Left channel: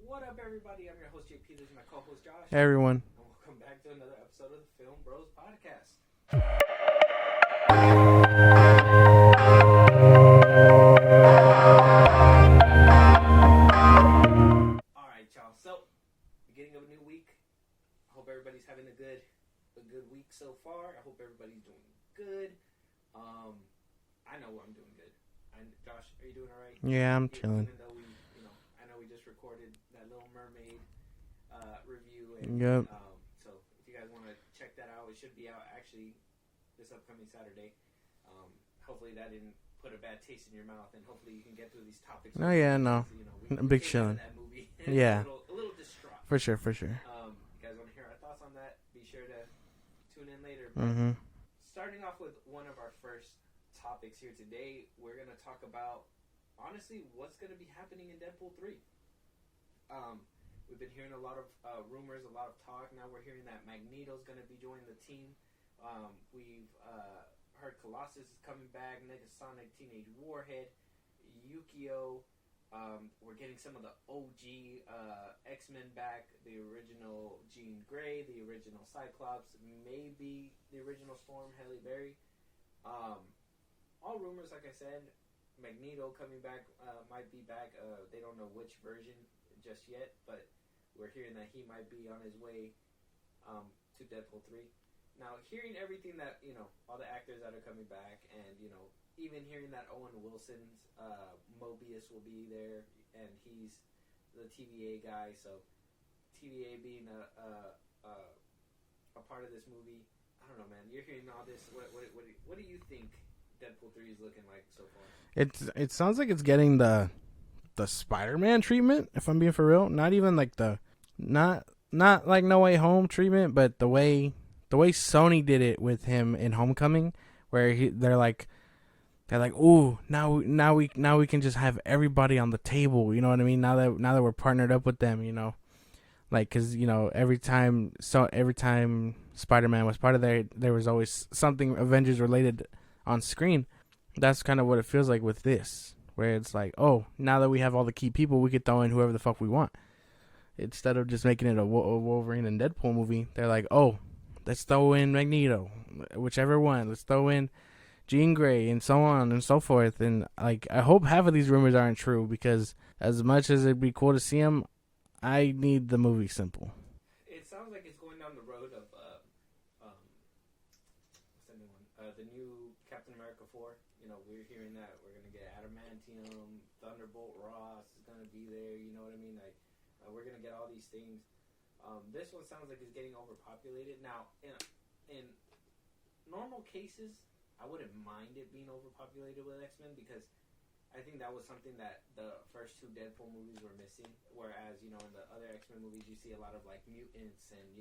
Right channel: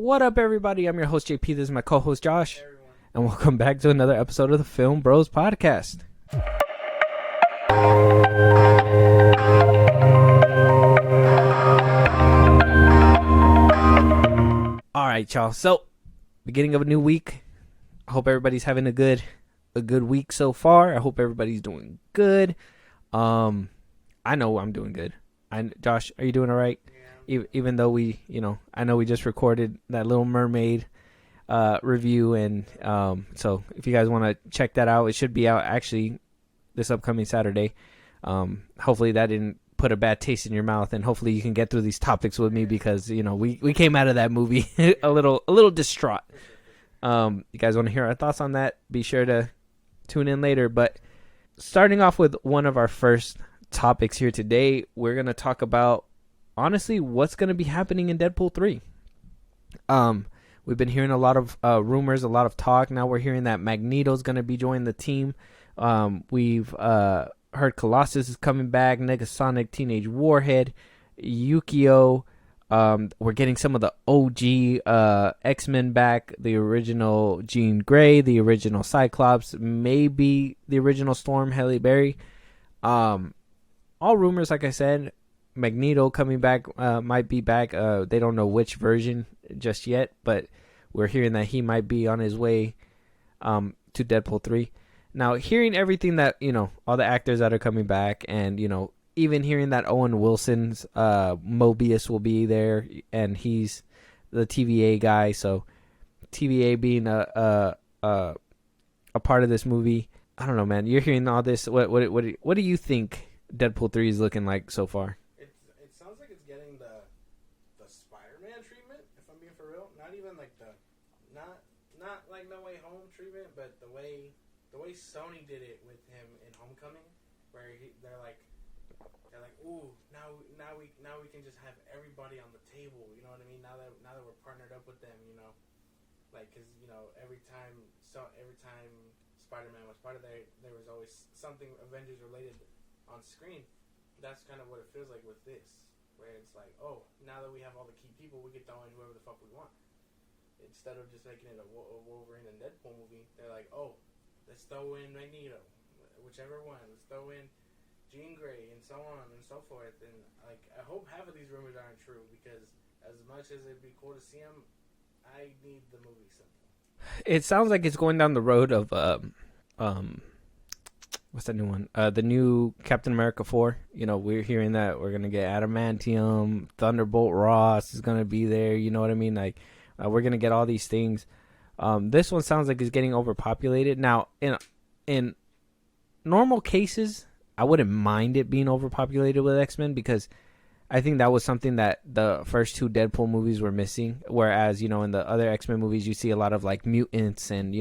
What up, everybody? I'm your host, JP. This is my co-host, Josh. Hey, everyone. And welcome back to another episode of the FilmBros podcast. All right, y'all. So, beginning of a new week. I hope everybody's having a good week so far. I hope everybody's doing good. I know I'm doing good. Josh, are you doing all right? Yeah, I'm chilling. Even though I know we just recorded that Little Mermaid review, and Yep. so if you guys want to check that out, it should be out actually this upcoming Saturday. Hopefully that didn't put a bad taste in your mouth, and hopefully you can get through these topics with me because we came out of that movie a little distraught. For sure. You guys want to hear our thoughts on that? Be sure to tune in later. But starting off with one of our first topics here today, we're going to talk about, honestly, what's going to be happening in Deadpool 3. We've been hearing a lot of rumors, a lot of talk. Now we're hearing that Magneto's going to be joining the team. We've heard Colossus is coming back, Negasonic, Teenage Warhead, Yukio. We're getting some of the OG X-Men back, the original Jean Grey, the original Cyclops, maybe the original Storm, Halle Berry. All rumors, like I said. Magneto coming back, might be back. They don't know which version just yet, but we're hearing that he might be on his way to Deadpool 3. Now, hearing everything that, all the actors that are coming back, and, even hearing that Owen Wilson's Mobius will be there, and he's the TVA guy, so TVA being a part of this movie. I don't know, man. You're hearing all this. What do you think Deadpool 3 is looking like so far? It sounds like it's getting the Spider-Man treatment, if I'm being for real. Not even like not like No Way Home treatment, but the way Sony did it with him in Homecoming, where they're like, ooh, now we can just have everybody on the table. You know what I mean? Now that we're partnered up with them, like, cause every time Spider-Man was part of there was always something Avengers related on screen. That's kind of what it feels like with this, where it's like, oh, now that we have all the key people, we could throw in whoever the fuck we want. Instead of just making it a Wolverine and Deadpool movie, they're like, oh, let's throw in Magneto, whichever one. Let's throw in Jean Grey, and so on and so forth. And like, I hope half of these rumors aren't true, because as much as it'd be cool to see them, I need the movie simple. It sounds like it's going down the road of what's that new one? The new Captain America 4. We're hearing that we're gonna get Adamantium, Thunderbolt Ross is gonna be there. You know what I mean? Like, we're gonna get all these things. This one sounds like it's getting overpopulated. Now, in normal cases, I wouldn't mind it being overpopulated with X-Men, because I think that was something that the first two Deadpool movies were missing. Whereas, in the other X-Men movies, you see a lot of like mutants and,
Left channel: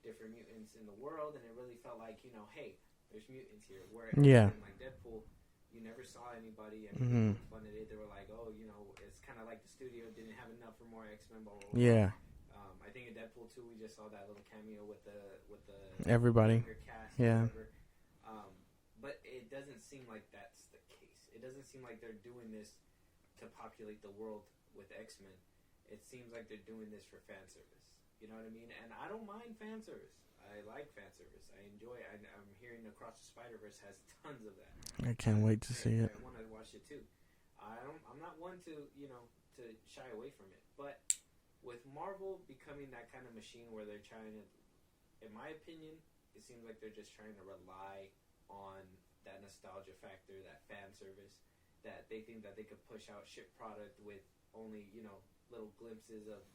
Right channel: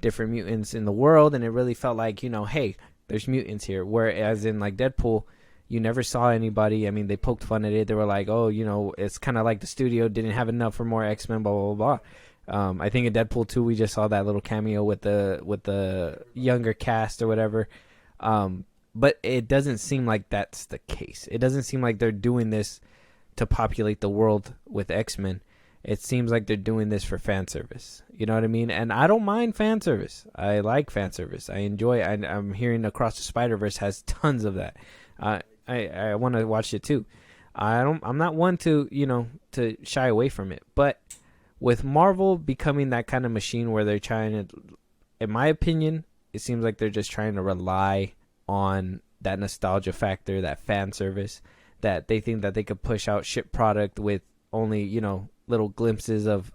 different mutants in the world. And it really felt like, hey, there's mutants here. Whereas in like Deadpool, you never saw anybody. I mean, they poked fun at it. They were like, oh, it's kind of like the studio didn't have enough for more X-Men, blah, blah, blah. Yeah. I think in Deadpool 2, we just saw that little cameo with the Everybody. Younger cast or whatever. But it doesn't seem like that's the case. It doesn't seem like they're doing this to populate the world with X-Men. It seems like they're doing this for fan service. You know what I mean? And I don't mind fan service. I like fan service. I enjoy it. I'm hearing Across the Spider-Verse has tons of that. I can't wait to see it. I want to watch it too. I'm not one to to shy away from it. But with Marvel becoming that kind of machine where they're trying to, in my opinion, it seems like they're just trying to rely on that nostalgia factor, that fan service, that they think that they could push out ship product with only, little glimpses of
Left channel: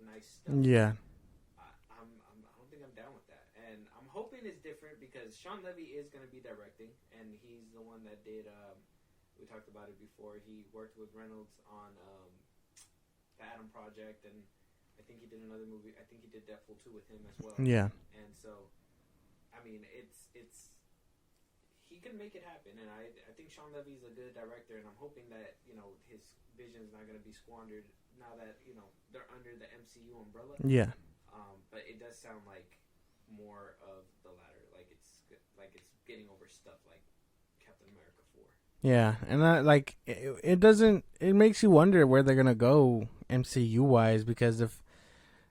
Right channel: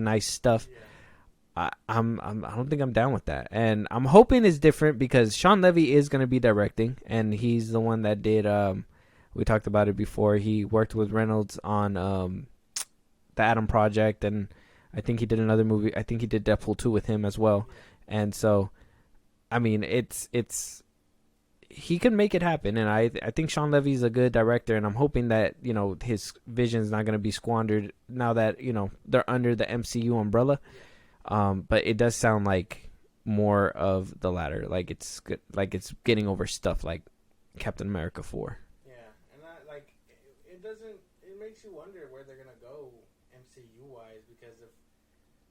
nice stuff. Yeah. I don't think I'm down with that. And I'm hoping it's different, because Sean Levy is going to be directing, and he's the one that did, we talked about it before. He worked with Reynolds on the Atom Project, and I think he did another movie. I think he did Deadpool 2 with him as well. Yeah. And so, I mean, he can make it happen, and I think Sean Levy's a good director, and I'm hoping that his vision's not going to be squandered now that they're under the MCU umbrella. Yeah. But it does sound like more of the latter, like it's good, like it's getting over stuff like Captain America 4. Yeah, and it doesn't. It makes you wonder where they're gonna go MCU wise, because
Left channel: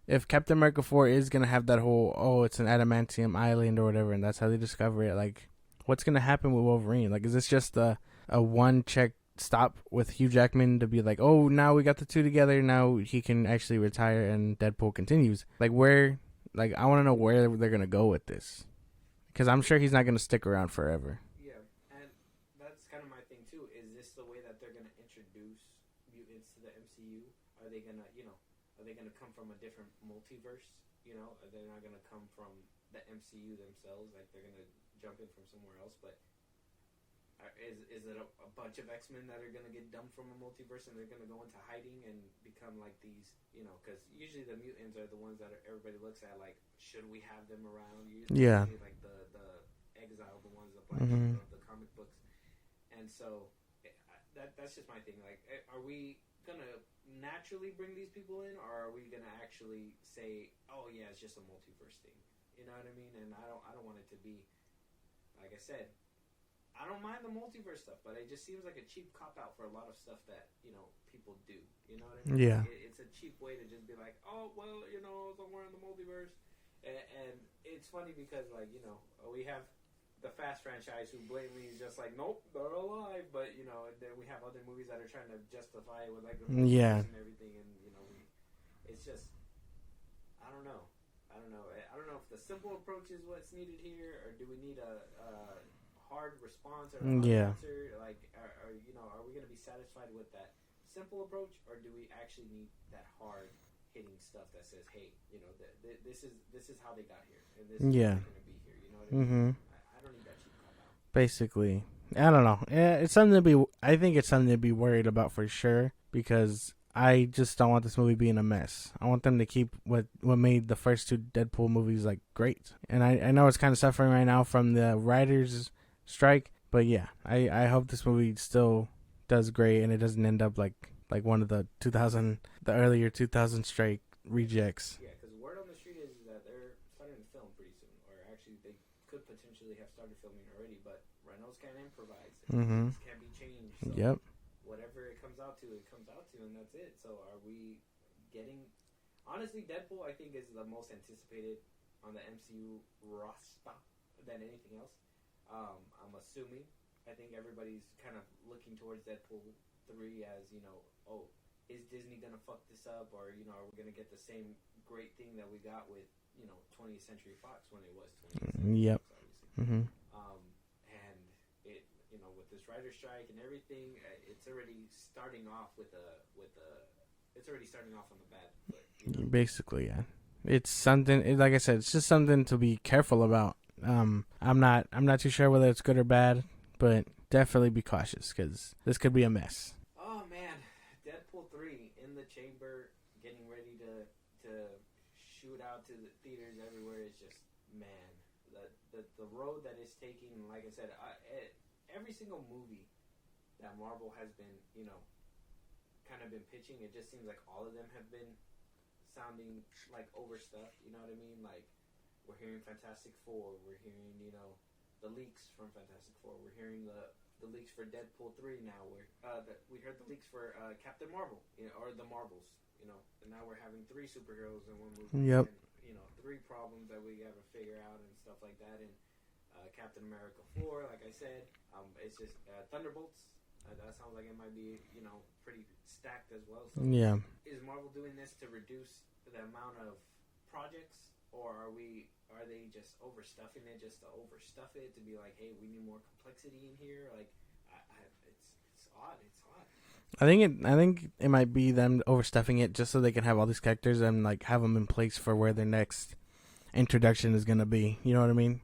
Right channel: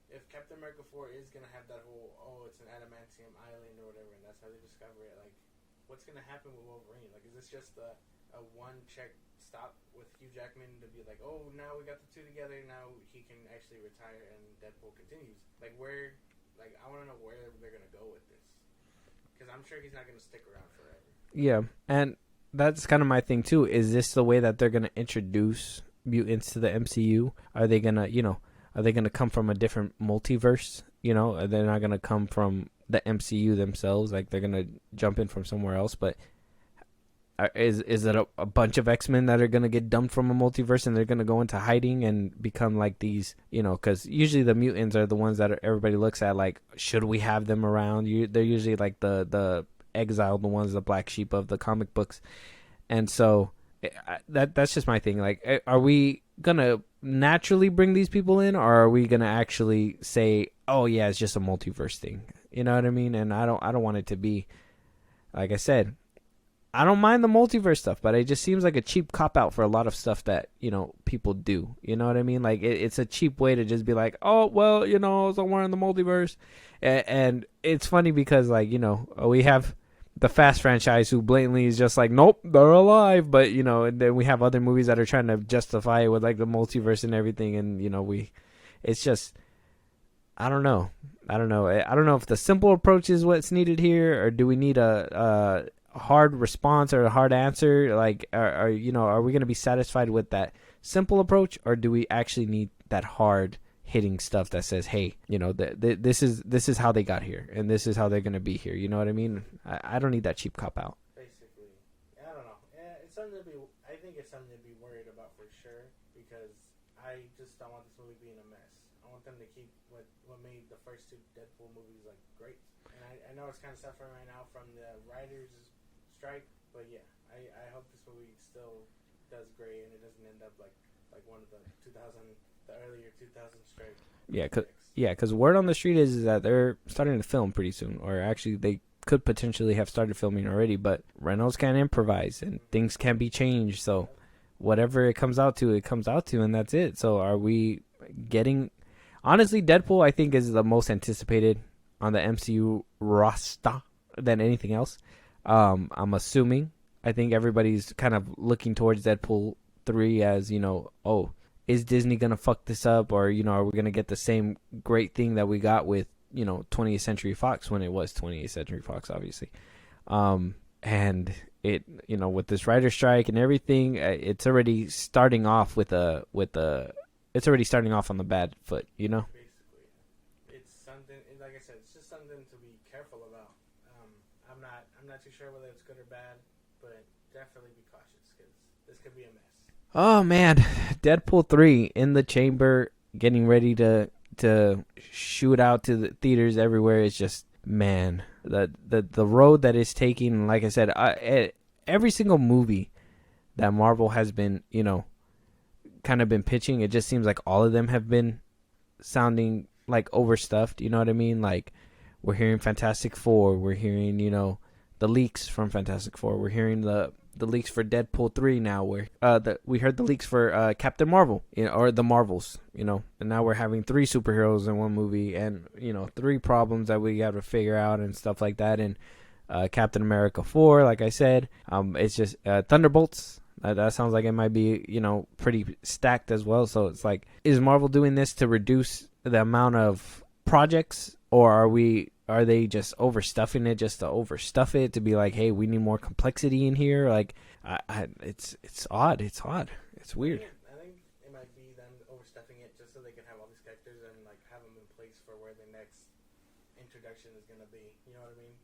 if Captain America 4 is gonna have that whole, oh, it's an adamantium island or whatever, and that's how they discover it, like, what's gonna happen with Wolverine? Like, is this just a one check stop with Hugh Jackman to be like, oh, now we got the two together, now he can actually retire and Deadpool continues? Like, where? Like, I want to know where they're gonna go with this, because I'm sure he's not gonna stick around forever. Yeah, and that's kind of my thing too. Is this the way that they're gonna introduce mutants to the MCU? Are they gonna, are they gonna come from a different multiverse? They're not gonna come from the MCU themselves. Like, they're gonna jump in from somewhere else. But is it a bunch of X-Men that are gonna get dumped from a multiverse and they're gonna go into hiding and become like these? Because usually the mutants are the ones that everybody looks at like, should we have them around? They're usually like the exiled, the ones, the black sheep of the comic books. And so that's just my thing. Like, are we gonna naturally bring these people in, or are we gonna actually say, oh yeah, it's just a multiverse thing? You know what I mean? And I don't want it to be, like I said, I don't mind the multiverse stuff, but it just seems like a cheap cop out for a lot of stuff that people do. You know what I mean? Yeah. Like, it's a cheap way to just be like, oh well, somewhere in the multiverse. And it's funny because, like, we have the Fast franchise who blatantly is just like, nope, they're alive. But, and then we have other movies that are trying to justify it with like the multiverse and everything. And, it's just, I don't know. I don't know if the simple approach is what's needed here, or do we need a hard response or a hard answer? Like, are we going to be satisfied with that simple approach, or do we actually need that hard hitting stuff that says, hey, this is how they got here, and this is how they're going to be here? You know what I mean? I don't need that cheap cop out. Basically, I don't know. It's something to be. I think it's something to be worried about for sure, because I just don't want this movie being a mess. I want them to keep what made the first two Deadpool movies like great. And I know it's kind of suffering right now from the writers' strike, but yeah, I hope this movie still does great and it doesn't end up like one of the earlier 2000 strike rejects. Yeah, because word on the street is that they're starting to film pretty soon, or actually they could potentially have started filming already, but Reynolds can improvise and things can be changed. So whatever it comes out to, and that's it. So are we getting... Honestly, Deadpool, I think, is the most anticipated on the MCU roster than anything else. I'm assuming. I think everybody's kind of looking towards Deadpool 3 as, oh, is Disney going to fuck this up? Or, are we going to get the same great thing that we got with, 20th Century Fox when it was 20th Century Fox, obviously. And it, with this writer strike and everything, it's already starting off it's already starting off on the bad foot, Basically, yeah. It's something, like I said, it's just something to be careful about. I'm not too sure whether it's good or bad, but definitely be cautious, because this could be a mess. Oh man, Deadpool 3 in the chamber, getting ready to shoot out to the theaters everywhere. Is just, man, the road that it's taking. Like I said, every single movie that Marvel has been, kind of been pitching, it just seems like all of them have been sounding like overstuffed. You know what I mean? Like, we're hearing Fantastic Four. We're hearing, the leaks from Fantastic Four. We're hearing the leaks for Deadpool 3 now. We heard the leaks for Captain Marvel, or the Marvels, and now we're having 3 superheroes in one movie, and 3 problems that we got to figure out and stuff like that. And Captain America 4, like I said, it's just Thunderbolts. That sounds like it might be, pretty stacked as well. So it's like, is Marvel doing this to reduce the amount of projects, or are they just overstuffing it just to overstuff it, to be like, hey, we need more complexity in here? Like, it's odd. It's odd. It's weird. I think it might be them overstuffing it just so they can have all these characters and like have them in place for where their next introduction is gonna be. You know what I mean?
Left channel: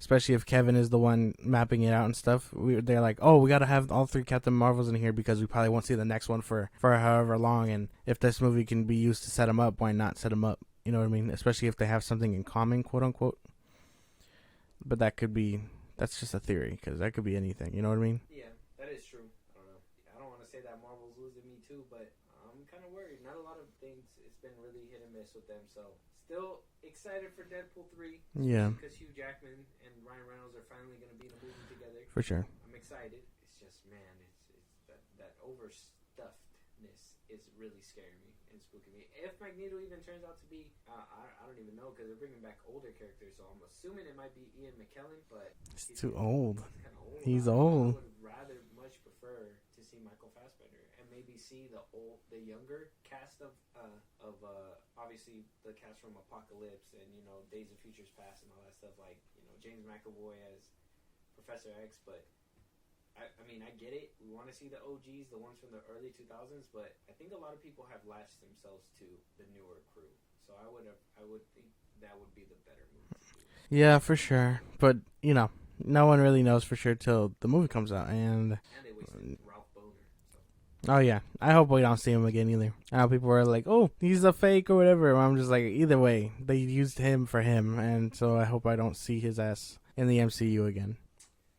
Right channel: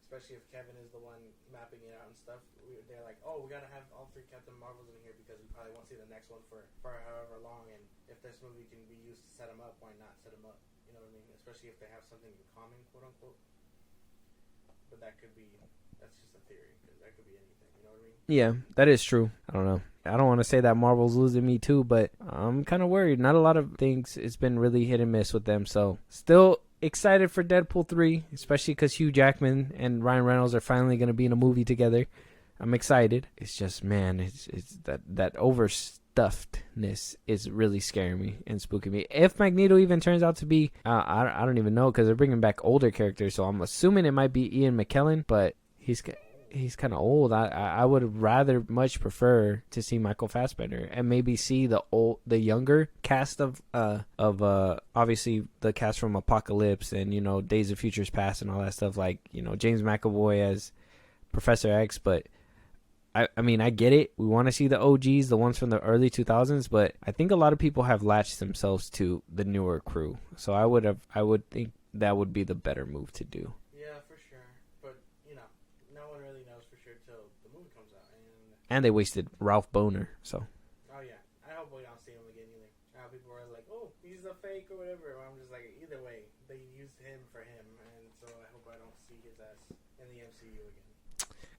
Especially if Kevin is the one mapping it out and stuff. They're like, oh, we gotta have all 3 Captain Marvels in here because we probably won't see the next one for however long. And if this movie can be used to set them up, why not set them up? You know what I mean? Especially if they have something in common, quote unquote. But that's just a theory, because that could be anything. You know what I mean? Yeah, that is true. I don't know. I don't want to say that Marvel's losing me too, but I'm kind of worried. Not a lot of things. It's been really hit and miss with them. So still excited for Deadpool 3, especially because Hugh Jackman and Ryan Reynolds are finally going to be in a movie together. For sure. I'm excited. It's just, man, it's that overstuffedness is really scaring me and spooking me. If Magneto even turns out to be, I don't even know, because they're bringing back older characters, so I'm assuming it might be Ian McKellen, but he's too old. He's kind of old. I would rather much prefer to see Michael Fassbender and maybe see the younger cast of obviously the cast from Apocalypse and, you know, Days of Futures Past and all that stuff, like, you know, James McAvoy as Professor X. But I mean, I get it. We want to see the OGs, the ones from the early 2000s, but I think a lot of people have latched themselves to the newer crew. So I would think that would be the better move to do. Yeah, for sure. But, you know, no one really knows for sure till the movie comes out, and they wasted Ralph Boner. So, oh yeah, I hope we don't see him again either. People are like, "Oh, he's a fake" or whatever. I'm just like, either way, they used him for him, and so I hope I don't see his ass in the MCU again.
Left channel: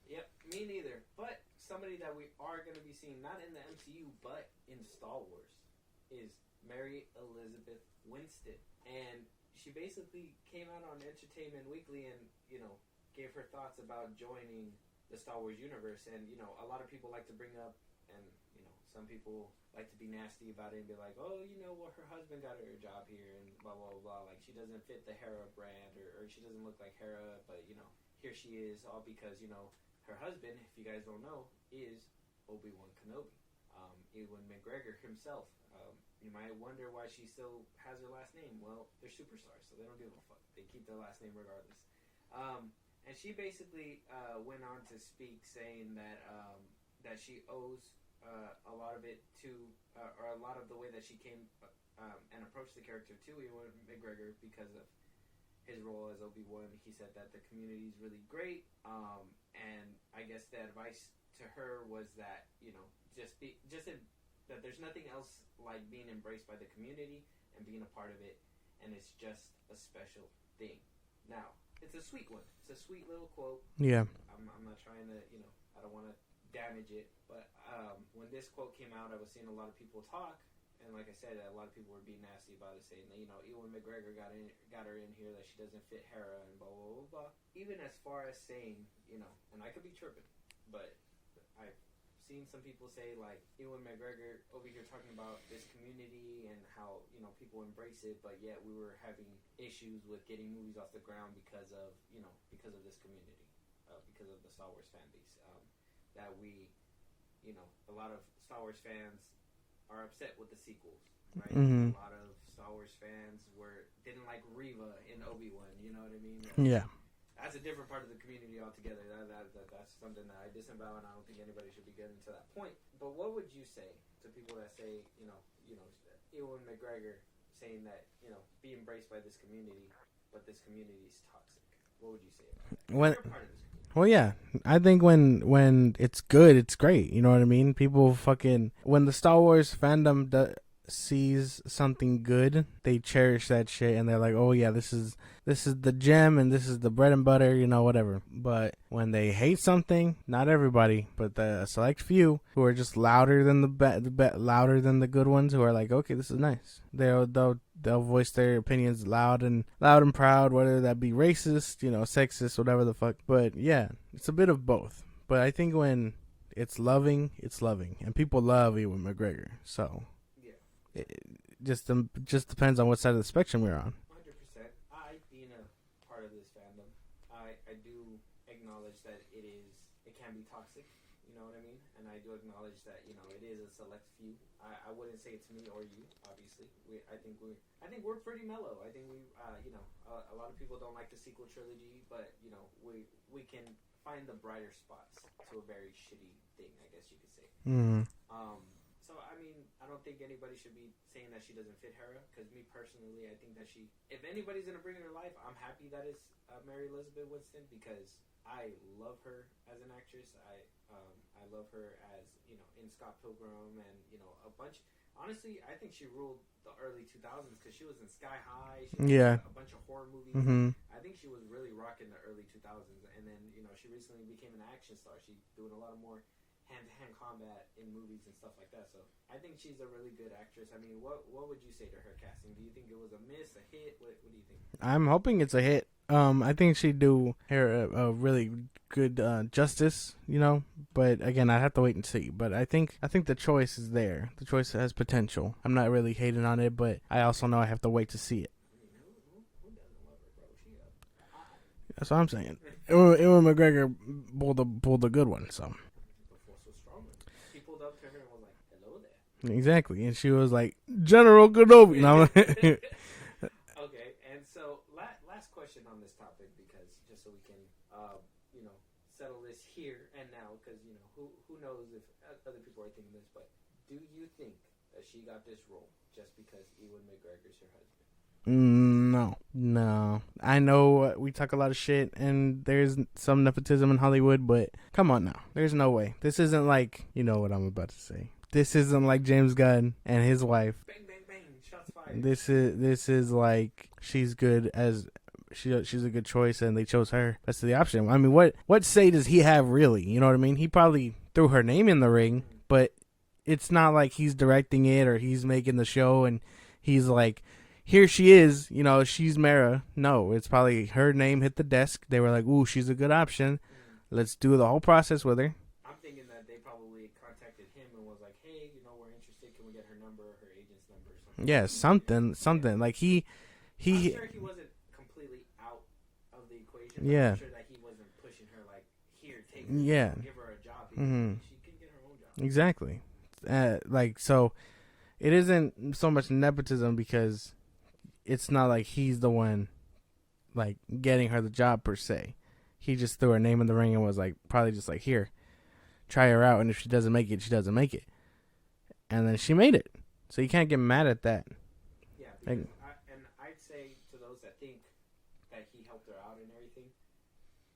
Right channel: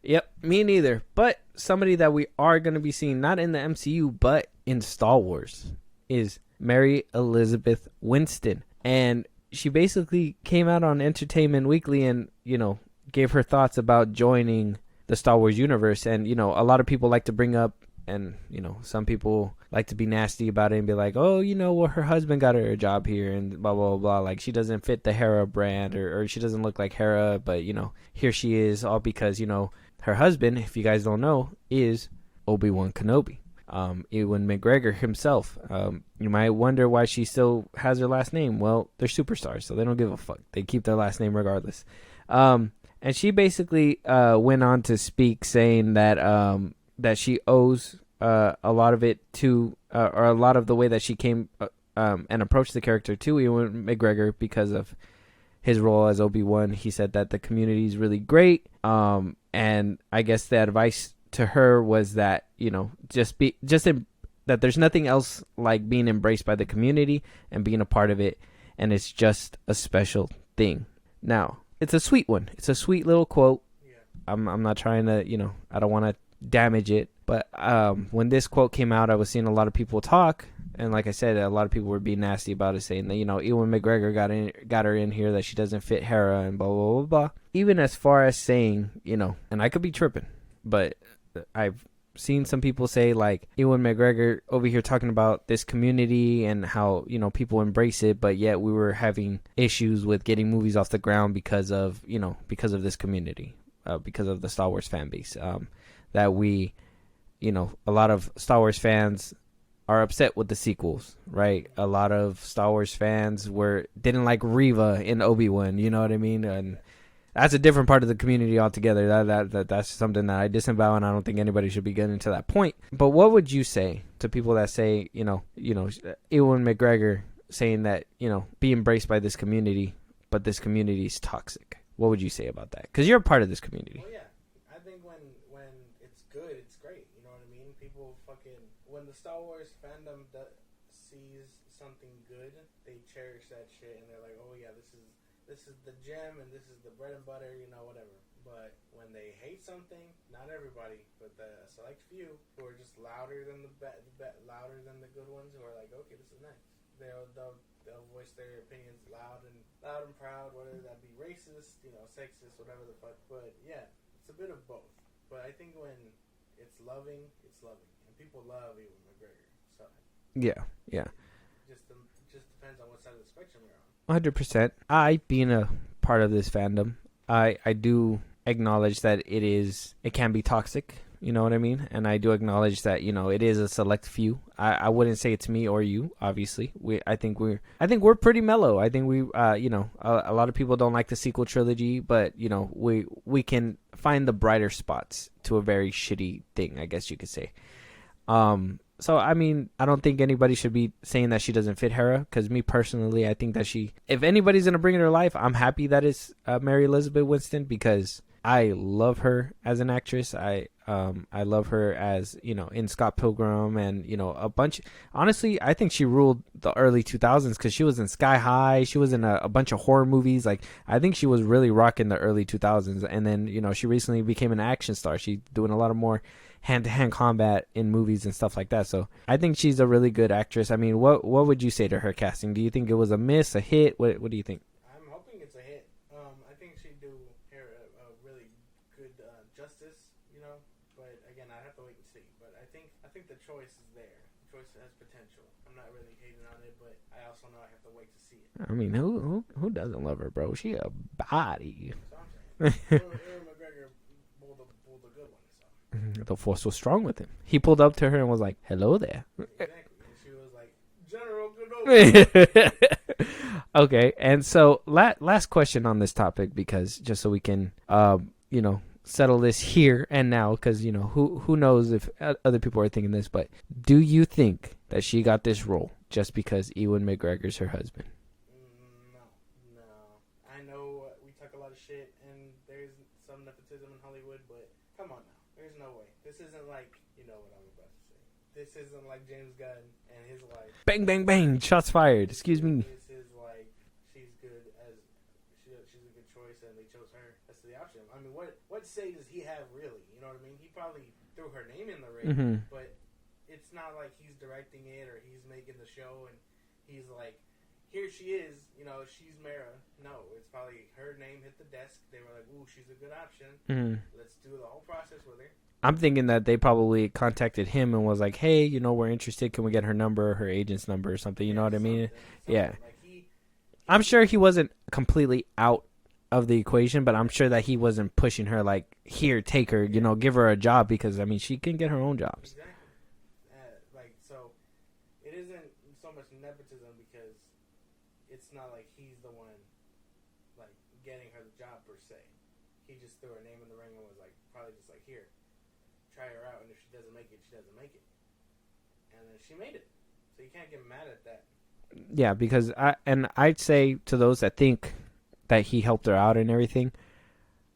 Yep, me neither. But somebody that we are going to be seeing, not in the MCU, but in Star Wars, is Mary Elizabeth Winstead, and she basically came out on Entertainment Weekly and, you know, gave her thoughts about joining the Star Wars universe. And, you know, a lot of people like to bring up, and, you know, some people like to be nasty about it and be like, oh, you know, well, her husband got her a job here and blah, blah, blah. Like, she doesn't fit the Hera brand, or she doesn't look like Hera, but, you know, here she is, all because, you know, her husband, if you guys don't know, is Obi-Wan Kenobi. Ewan McGregor himself. You might wonder why she still has her last name. Well, they're superstars, so they don't give a fuck. They keep their last name regardless. And she basically went on to speak, saying that that she owes a lot of it to, or a lot of the way that she came and approached the character to Ewan McGregor because of his role as Obi-Wan. He said that the community is really great, and I guess the advice to her was that, you know, that there's nothing else like being embraced by the community and being a part of it, and it's just a special thing. Now, it's a sweet one. It's a sweet little quote. Yeah. I'm not trying to, you know, I don't want to damage it, but when this quote came out, I was seeing a lot of people talk, and like I said, a lot of people were being nasty about it, saying that, you know, Ewan McGregor got her in here, that she doesn't fit Hera and blah, blah, blah, blah. Even as far as saying, you know, and I could be tripping, but I've seen some people say, like, Ewan McGregor over here talking about this community and how, you know, people embrace it, but yet we were having issues with getting movies off the ground because of, you know, because of this community, because of the Star Wars fan base, that we, you know, a lot of Star Wars fans are upset with the sequels, right? Mm-hmm. A lot of Star Wars fans didn't like Reva in Obi-Wan, you know what I mean? Yeah. That's a different part of the community altogether. That's something that I disavow, and I don't think anybody should be getting to that point. But what would you say to people that say, you know, Ewan McGregor saying that, you know, be embraced by this community, but this community is toxic? What would you say about that? Because you're a part of this community. Well, yeah. I think when it's good, it's great. You know what I mean? People when the Star Wars fandom sees something good, they cherish that shit, and they're like, oh yeah, this is the gem, and this is the bread and butter, you know, whatever. But when they hate something, not everybody, but the select few who are just louder than louder than the good ones, who are like, okay, this is nice. They'll voice their opinions loud and proud, whether that be racist, you know, sexist, whatever the fuck. But yeah, it's a bit of both. But I think when it's loving, and people love Ewan McGregor. So yeah. It just depends on what side of the spectrum we're on. 100%. I, being a part of this fandom, I do acknowledge that it can be toxic. You know what I mean? And I do acknowledge that, you know, it is a select few. I wouldn't say it's me or you, obviously. I think we're pretty mellow. I think we, you know, a lot of people don't like the sequel trilogy, but, you know, we can find the brighter spots to a very shitty thing, I guess you could say. Mm-hmm. So, I mean, I don't think anybody should be saying that she doesn't fit Hera, because me personally, I think that if anybody's going to bring in her life, I'm happy that it's Mary Elizabeth Winstead, because I love her as an actress. I love her as, you know, in Scott Pilgrim, and, you know, honestly, I think she ruled the early 2000s, because she was in Sky High. She was in a bunch of horror movies. Mm-hmm. Like, I think she was really rocking the early 2000s. And then, you know, she recently became an action star. She's doing a lot of more hand-to-hand combat in movies and stuff like that. So I think she's a really good actress. I mean, what would you say to her casting? Do you think it was a miss, a hit? What do you think? I'm hoping it's a hit. I think she'd do her a really good justice, you know. But again, I have to wait and see. But I think the choice is there. The choice has potential. I'm not really hating on it, but I also know I have to wait to see it. I mean, who doesn't love her, bro? She a body. That's what I'm saying. Ewan McGregor pulled a good one. So the force was strong with him. He pulled up to her and was like, "Hello there." Exactly, and she was like, "General Kenobi." Okay, and so last question on this topic, because just so we can, settle this here and now, because who knows if other people are thinking this, but do you think that she got this role just because Ewan McGregor's her husband? No. I know we talk a lot of shit, and there's some nepotism in Hollywood, but come on now, there's no way. This isn't like, you know what I'm about to say. This isn't like James Gunn and his wife. Bang, bang, bang! Shots fired. This is like she's good as. She's a good choice, and they chose her. That's the option. I mean, what say does he have, really? You know what I mean? He probably threw her name in the ring, but it's not like he's directing it or he's making the show, and he's like, here she is, she's Mara. No, it's probably her name hit the desk. They were like, ooh, she's a good option. Let's do the whole process with her. I'm thinking that they probably contacted him and was like, hey, we're interested. Can we get her number, her agent's number or something? Yeah, you know what I mean? Something. Yeah. Like I'm sure he wasn't completely out of the equation, but I'm sure that he wasn't pushing her like, here, take her, give her a job, because I mean, she can get her own job. Exactly. So it isn't so much nepotism, because it's not like he's the one like getting her the job per se. He just threw her name in the ring and was like, probably just like, here, try her out, and if she doesn't make it, she doesn't make it. And then she made it. So you can't get mad at that. Yeah, because I'd say to those that think that he helped her out and everything,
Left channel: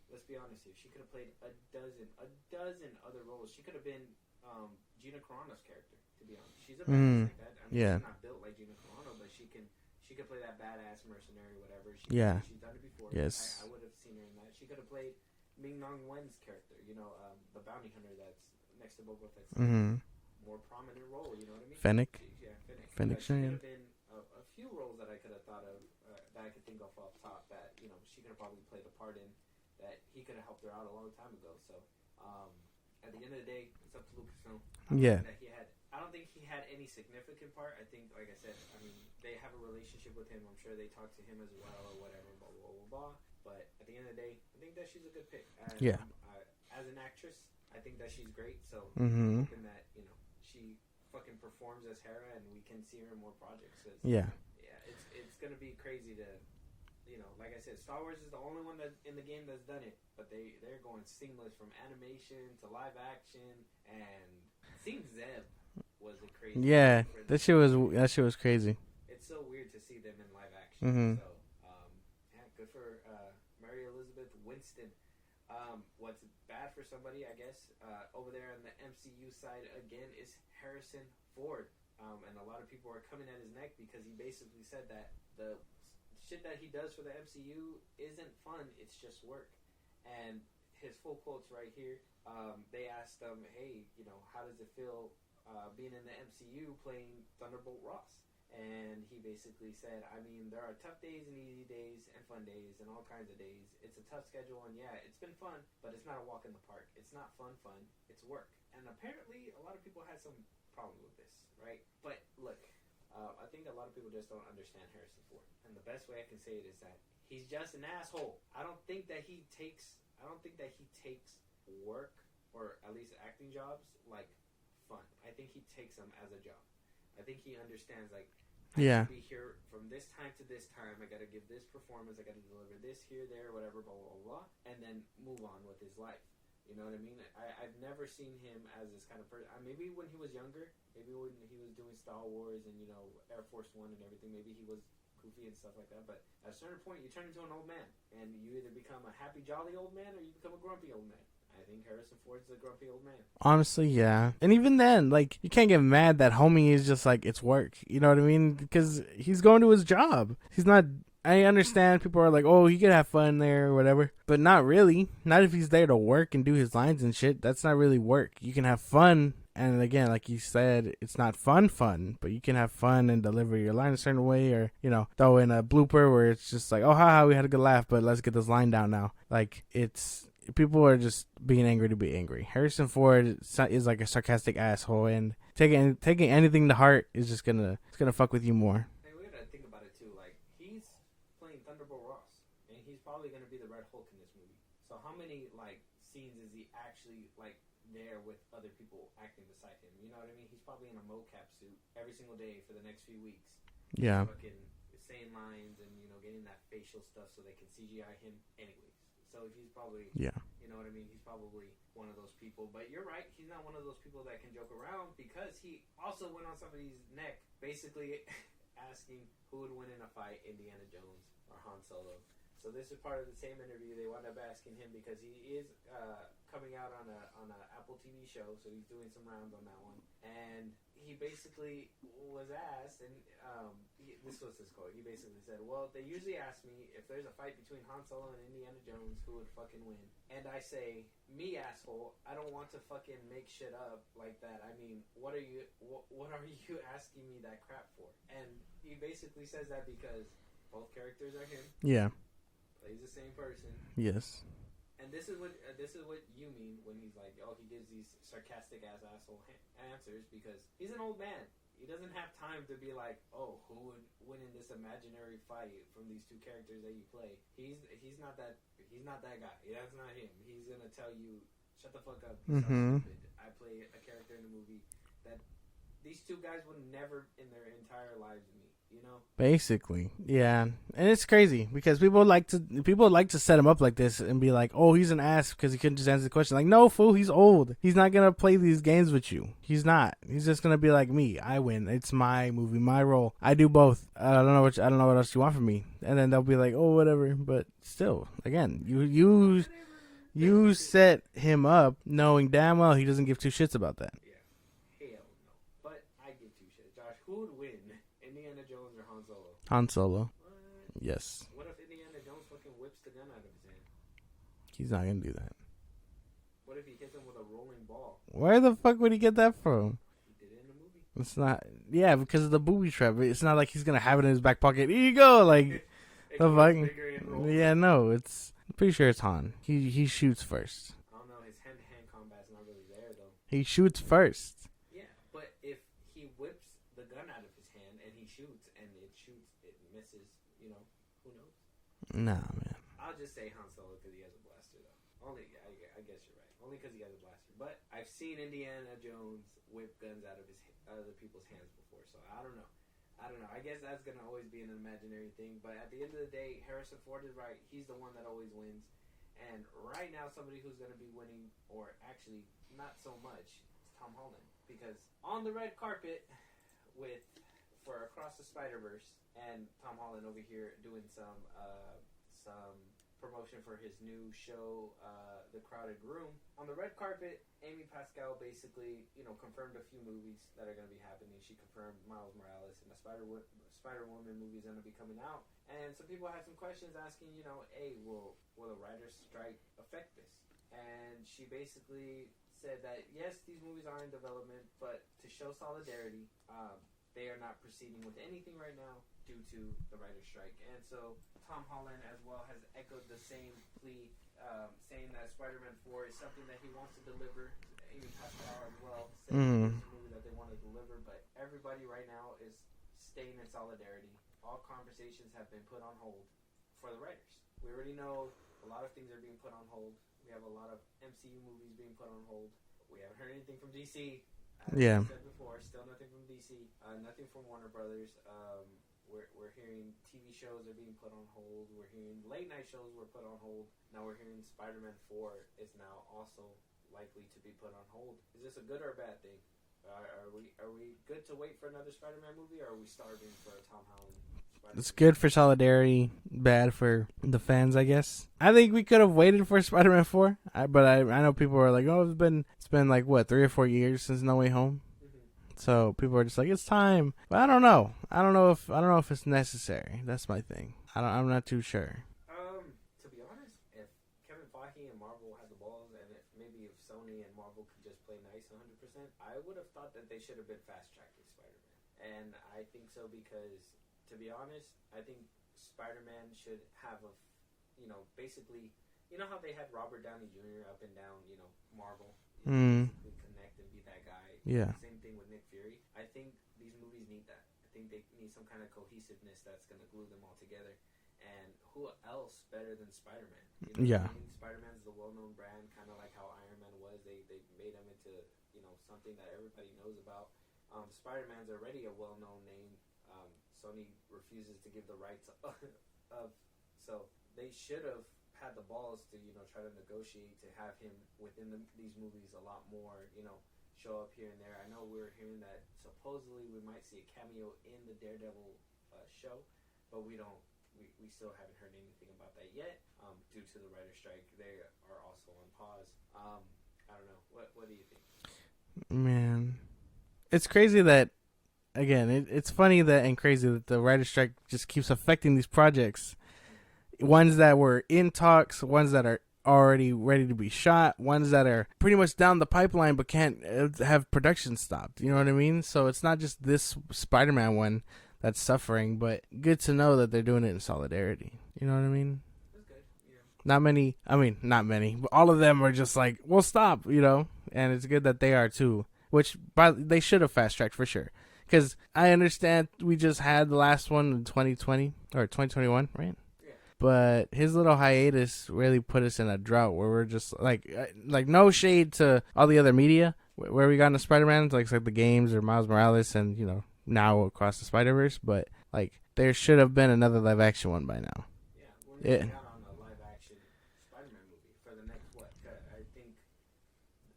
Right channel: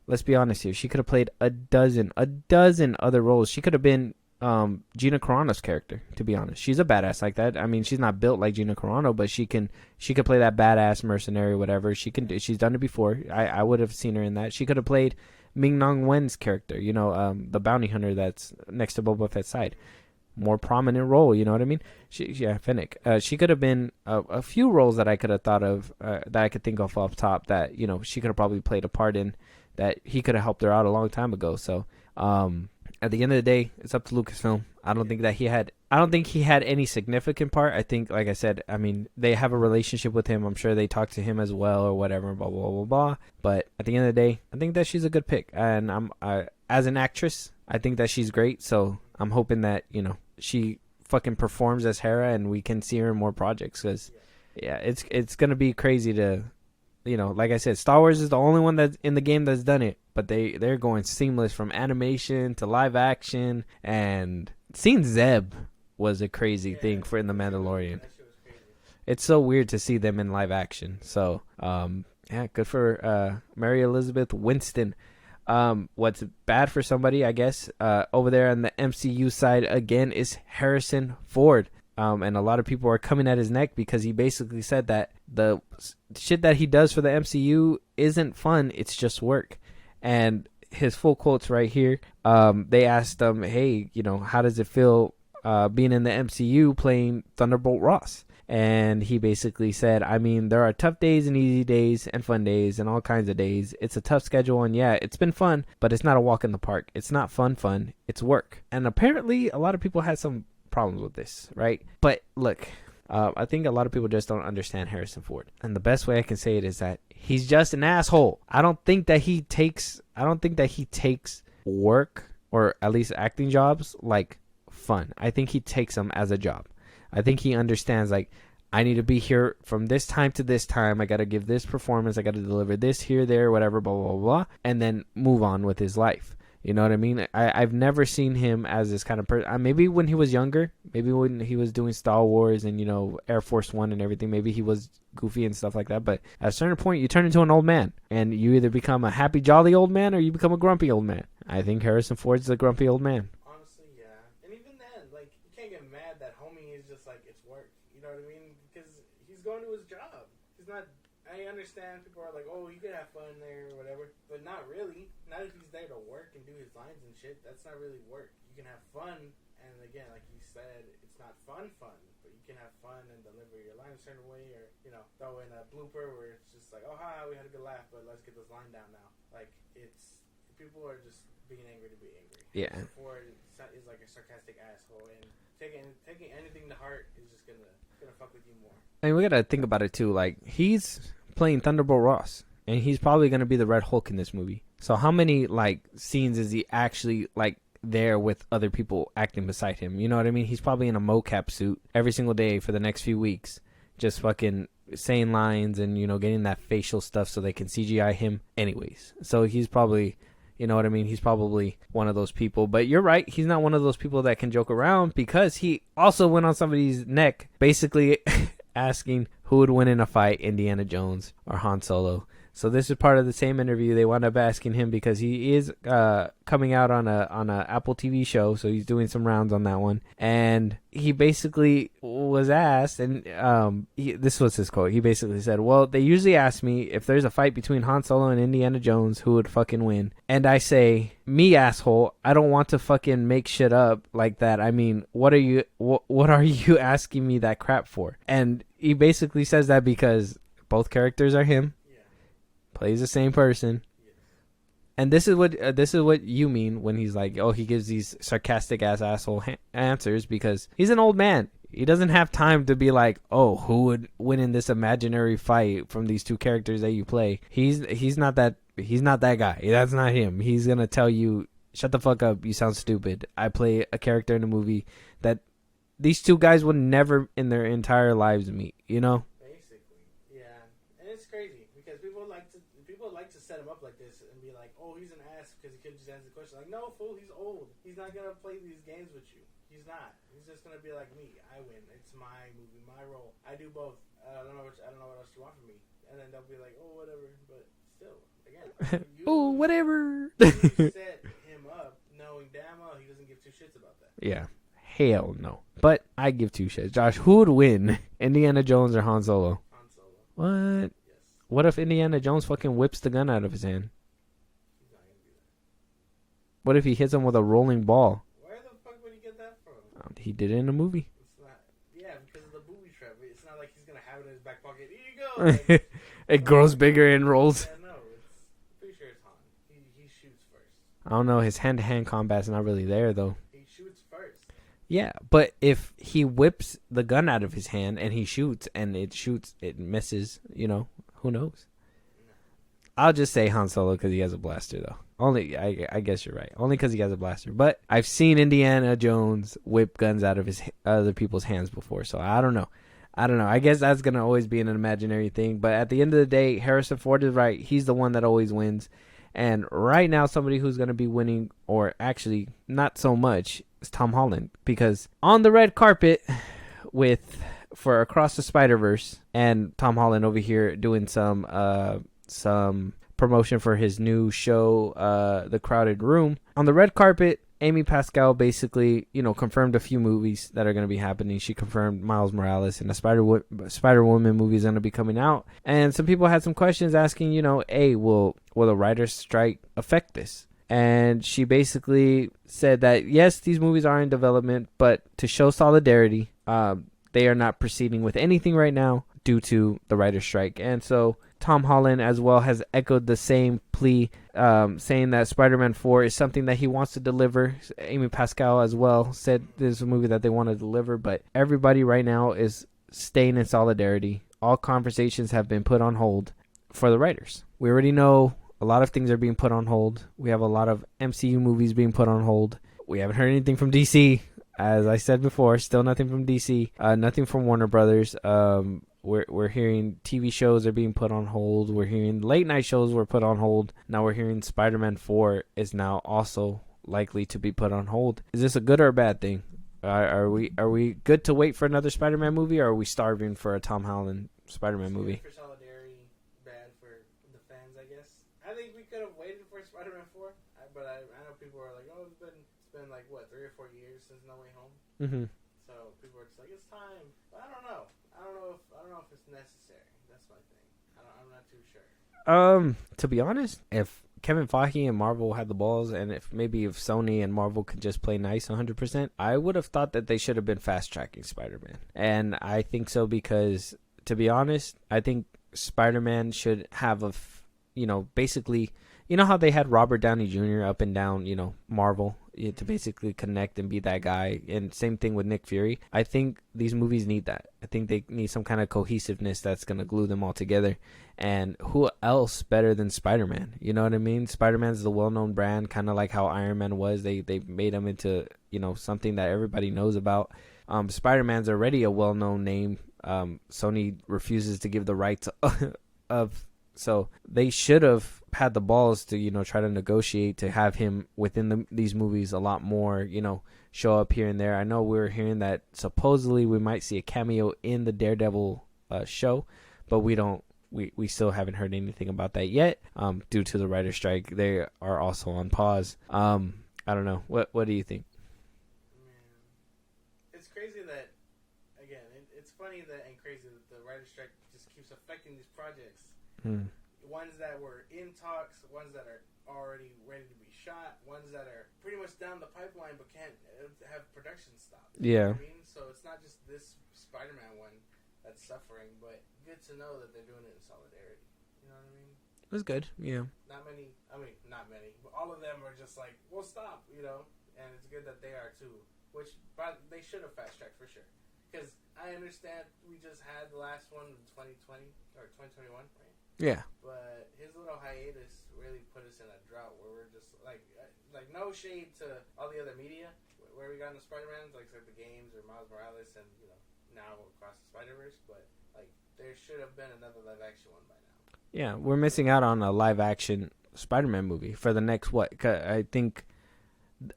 let's be honest here. She could have played a dozen other roles. She could have been Gina Carano's character, to be honest. She's a badass like that. I mean, she's not built like Gina Carano, but she could play that badass mercenary, whatever. She can. She's done it before. Yes. I would have seen her in that. She could have played Ming-Na Wen's character, the bounty hunter that's next to Boba Fett's side. More prominent role, you know what I mean? Fennec. Fennec. She could have been a few roles that I could have thought of, that I could think of off top, that she could have probably played a part in, that he could have helped her out a long time ago. So at the end of the day, it's up to Lucasfilm. I don't think he had any significant part. I think, like I said, I mean, they have a relationship with him. I'm sure they talk to him as well or whatever, blah blah blah blah. But at the end of the day, I think that she's a good pick, and as an actress, I think that she's great. So I'm hoping that she fucking performs as Hera, and we can see her in more projects. Cause it's gonna be crazy to, like I said, Star Wars is the only one that's in the game that's done it, but they're going seamless from animation to live action, and seeing Zeb was a crazy thing for in the Mandalorian. That shit was crazy. It's so weird to see them in live action. So good for Mary Elizabeth Winstead. What's bad for somebody, I guess, over there on the MCU side again is Harrison Ford. And a lot of people are coming at his neck because he basically said that the shit that he does for the MCU isn't fun, it's just work. And his full quotes right here. They asked him, hey, how does it feel being in the MCU playing Thunderbolt Ross? And he basically said, I mean, there are tough days and easy days and fun days and all kinds of days. It's a tough schedule, and it's been fun, but it's not a walk in the park. It's not fun, it's work. And apparently a lot of people had some problems with this, right? But look, I think a lot of people just don't understand Harrison Ford. And the best way I can say it is that he's just an asshole. I don't think that he takes work, or at least acting jobs, like fun. I think he takes them as a job. I think he understands, like, I need to be here from this time to this time. I got to give this performance. I got to deliver this here, there, whatever, blah, blah, blah, and then move on with his life. You know what I mean? I've never seen him as this kind of person. Maybe when he was younger, maybe when he was doing Star Wars and, Air Force One and everything, maybe he was goofy and stuff like that. But at a certain point, you turn into an old man, and you either become a happy, jolly old man, or you become a grumpy old man. I think Harrison Ford's the grumpy old man. Honestly, yeah. And even then, like, you can't get mad that homie is just like, it's work. You know what I mean? Because he's going to his job. He's not I understand people are like, oh, he could have fun there or whatever, but not really. Not if he's there to work and do his lines and shit. That's not really work. You can have fun, and again, like you said, it's not fun, but you can have fun and deliver your line a certain way, or throw in a blooper where it's just like, oh, haha, we had a good laugh, but let's get this line down now. Like people are just being angry to be angry. Harrison Ford is like a sarcastic asshole, and taking anything to heart is just gonna fuck with you more. I mean, we gotta think about it too. Like, he's playing Thunderbolt Ross, and he's probably gonna be the Red Hulk in this movie. So how many like scenes is he actually like there with other people acting beside him? You know what I mean? He's probably in a mocap suit every single day for the next few weeks, just fucking saying lines and getting that facial stuff so they can CGI him anyways. So he's probably you know what I mean, he's probably one of those people. But you're right, he's not one of those people that can joke around, because he also went on somebody's neck basically asking who would win in a fight, Indiana Jones or Han Solo. So this is part of the same interview. They wound up asking him because he is coming out on a Apple TV show, so he's doing some rounds on that one. And he basically was asked, and this was his quote. He basically said, "Well, they usually ask me if there's a fight between Han Solo and Indiana Jones, who would fucking win? And I say, me, asshole. I don't want to fucking make shit up like that. I mean, what are you asking me that crap for?" And he basically says that because both characters are him. Yeah. Plays the same person. Yes. And this is what you mean when he's like, oh, he gives these sarcastic ass asshole answers, because he's an old man. He doesn't have time to be like, oh, who would win in this imaginary fight from these two characters that you play. He's not that guy. That's not him. He's gonna tell you, shut the fuck up. You sound stupid. I play a character in a movie that these two guys would never in their entire lives meet. Basically, yeah. And it's crazy because people like to set him up like this and be like, oh, he's an ass because he couldn't just answer the question. Like, no, fool, he's old. He's not gonna play these games with you. He's not. He's just gonna be like, me, I win. It's my movie, my role. I do both. I don't know what else you want from me. And then they'll be like, oh, whatever. But still, again, you oh, whatever. You set him up knowing damn well he doesn't give two shits about that. Yeah. Hell no. But I give two shits. Josh, who would win, Indiana Jones or Han Solo? Han Solo. What? Yes. What if Indiana Jones fucking whips the gun out of his hand? He's not going to do that. What if he hits him with a rolling ball? Where the fuck would he get that from? He did it in a movie. It's not. Yeah, because of the booby trap. It's not like he's going to have it in his back pocket. Here you go. Like it grows bigger and rolls. Yeah, no. I'm pretty sure it's Han. He shoots first. I don't know. His hand-to-hand combat's not really there, though. He shoots first. Yeah, but if he whips the gun out of his hand and he shoots and it misses, who knows? Nah, man. I'll just say Han Solo because he has a blaster, though. I guess you're right. Only because he has a blaster. But I've seen Indiana Jones whip guns out of other people's hands before, so I don't know. I guess that's going to always be an imaginary thing. But at the end of the day, Harrison Ford is right. He's the one that always wins. And right now, somebody who's going to be winning, or actually not so much, is Tom Holland. Because on the red carpet for Across the Spider-Verse, and Tom Holland over here doing some promotion for his new show, The Crowded Room. On the red carpet, Amy Pascal basically, confirmed a few movies that are going to be happening. She confirmed Miles Morales and the Spider-Woman movie is going to be coming out. And some people had some questions asking, hey, will the writer's strike affect this? And she basically said that, yes, these movies are in development, but to show solidarity, they are not proceeding with anything right now due to the writer's strike. And so Tom Holland as well has echoed the same plea, saying that Spider-Man 4 is something that he wants to deliver. Amy Pascal as well said this is a movie that they want to deliver, but everybody right now is staying in solidarity. All conversations have been put on hold for the writers. We already know a lot of things are being put on hold. We have a lot of MCU movies being put on hold. We haven't heard anything from DC. As I said before, still nothing from DC. Nothing from Warner Brothers. We're hearing TV shows are being put on hold. We're hearing late night shows were put on hold. Now we're hearing Spider-Man 4 is now also likely to be put on hold. Is this a good or a bad thing? Are we good to wait for another Spider-Man movie, or are we starving for a Tom Holland Spider-Man movie? It's good for solidarity, bad for the fans, I guess. I think we could have waited for Spider-Man 4, but I know people are like, oh, it's been like what, 3 or 4 years since No Way Home. Mm-hmm. So people are just like, it's time. But I don't know. I don't know if it's necessary. That's my thing. I'm not too sure. To be honest, if Kevin Feige and Marvel had the balls, and if Sony and Marvel could just play nice 100%, I would have thought that they should have been fast tracking Spider-Man. And I think so because, to be honest, I think Spider-Man should have basically, how they had Robert Downey Jr. up and down, Marvel to basically connect and be that guy. Yeah. And same thing with Nick Fury. I think these movies need that. I think they need some kind of cohesiveness that's going to glue them all together. And who else better than Spider-Man? You know what I mean? Spider-Man's the well-known brand, kind of like how Iron Man was. They made him into, something that everybody knows about. Spider-Man's already a well-known name. Sony refuses to give the rights so they should have had the balls to, try to negotiate to have him within these movies a lot more, show up here and there. I know we were hearing that supposedly we might see a cameo in the Daredevil show, but we still haven't heard anything about that yet. Due to the writer's strike, they are also on pause. I don't know. What do you think? Man, it's crazy that, again, it's funny that and crazy that the writer's strike just keeps affecting these projects. Ones that were in talks, ones that are already ready to be shot, ones that are pretty much down the pipeline but can't have production stopped. You know what I mean? So it's not just this Spider-Man one that's suffering, but good to know that they're doing it in solidarity. You know what I mean? That's good. Yeah. Not many, but all of them are just like, well, stop, and it's good that they are too, which they should have fast-tracked for sure. Because I understand we just had the last one in 2020 or 2021, right? Yeah. But his little hiatus really put us in a drought where we're just like no shade to all the other media where we got into Spider-Man, like the games or Miles Morales and, now Across the Spider-Verse. But there should have been another live action one by now. Yeah. We're missing out on a live action Spider-Man movie for the next, I think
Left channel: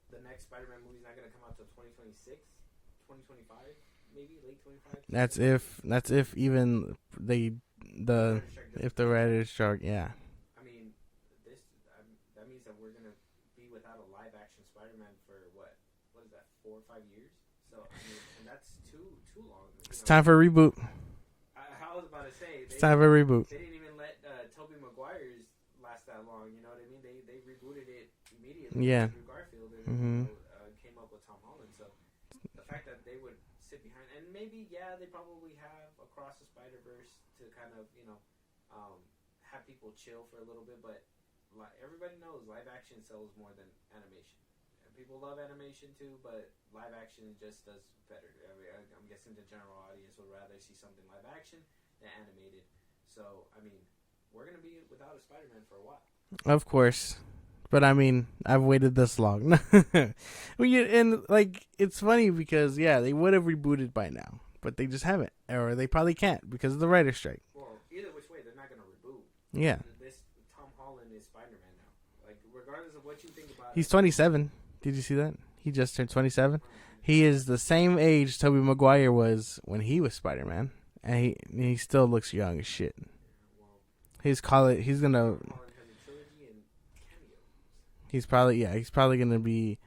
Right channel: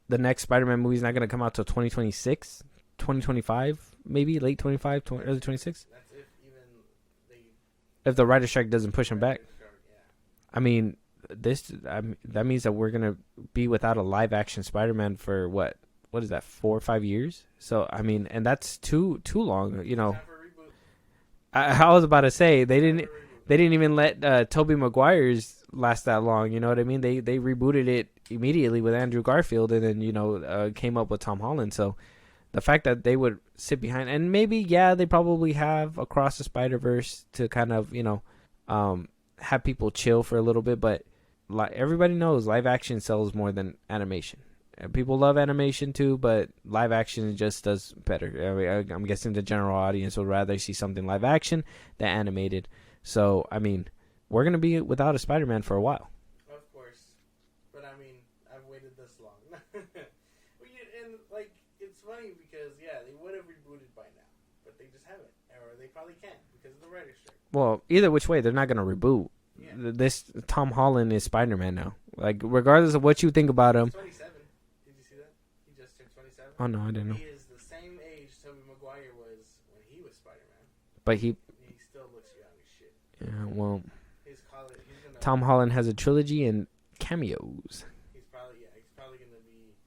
the next Spider-Man movie is not going to come out till 2026, 2025, maybe late 25, 2026. That's if even if the writer's strike doesn't push them back. Yeah. I mean, that means that we're going to be without a live action Spider-Man for what is that, 4 or 5 years? So, I mean, and that's too long. It's time for a reboot. I was about to say, they didn't even let Tobey Maguire's last that long. You know what I mean? They rebooted it immediately with Andrew Garfield and then, came up with Tom Holland. So, the fact that they would sit behind, and maybe, they probably have Across the Spider-Verse to kind of, have people chill for a little bit. But everybody knows live action sells more than animation. And people love animation too, but live action just does better. I'm guessing the general audience would rather see something live action than animated. So, I mean, we're going to be without a Spider-Man for a while. Of course. But I mean, I've waited this long. It's funny because they would have rebooted by now, but they just haven't, or they probably can't because of the writer's strike. Well, either which way, they're not gonna reboot. Yeah, this Tom Holland is Spider-Man now. Regardless of what you think about him, he's 27. Did you see that? He just turned 27. Oh no, I didn't. He is the same age Tobey Maguire was when he was Spider-Man, but he still looks young as shit. Yeah, well, he's gonna. Tom Holland has a trilogy and cameos. He's probably gonna be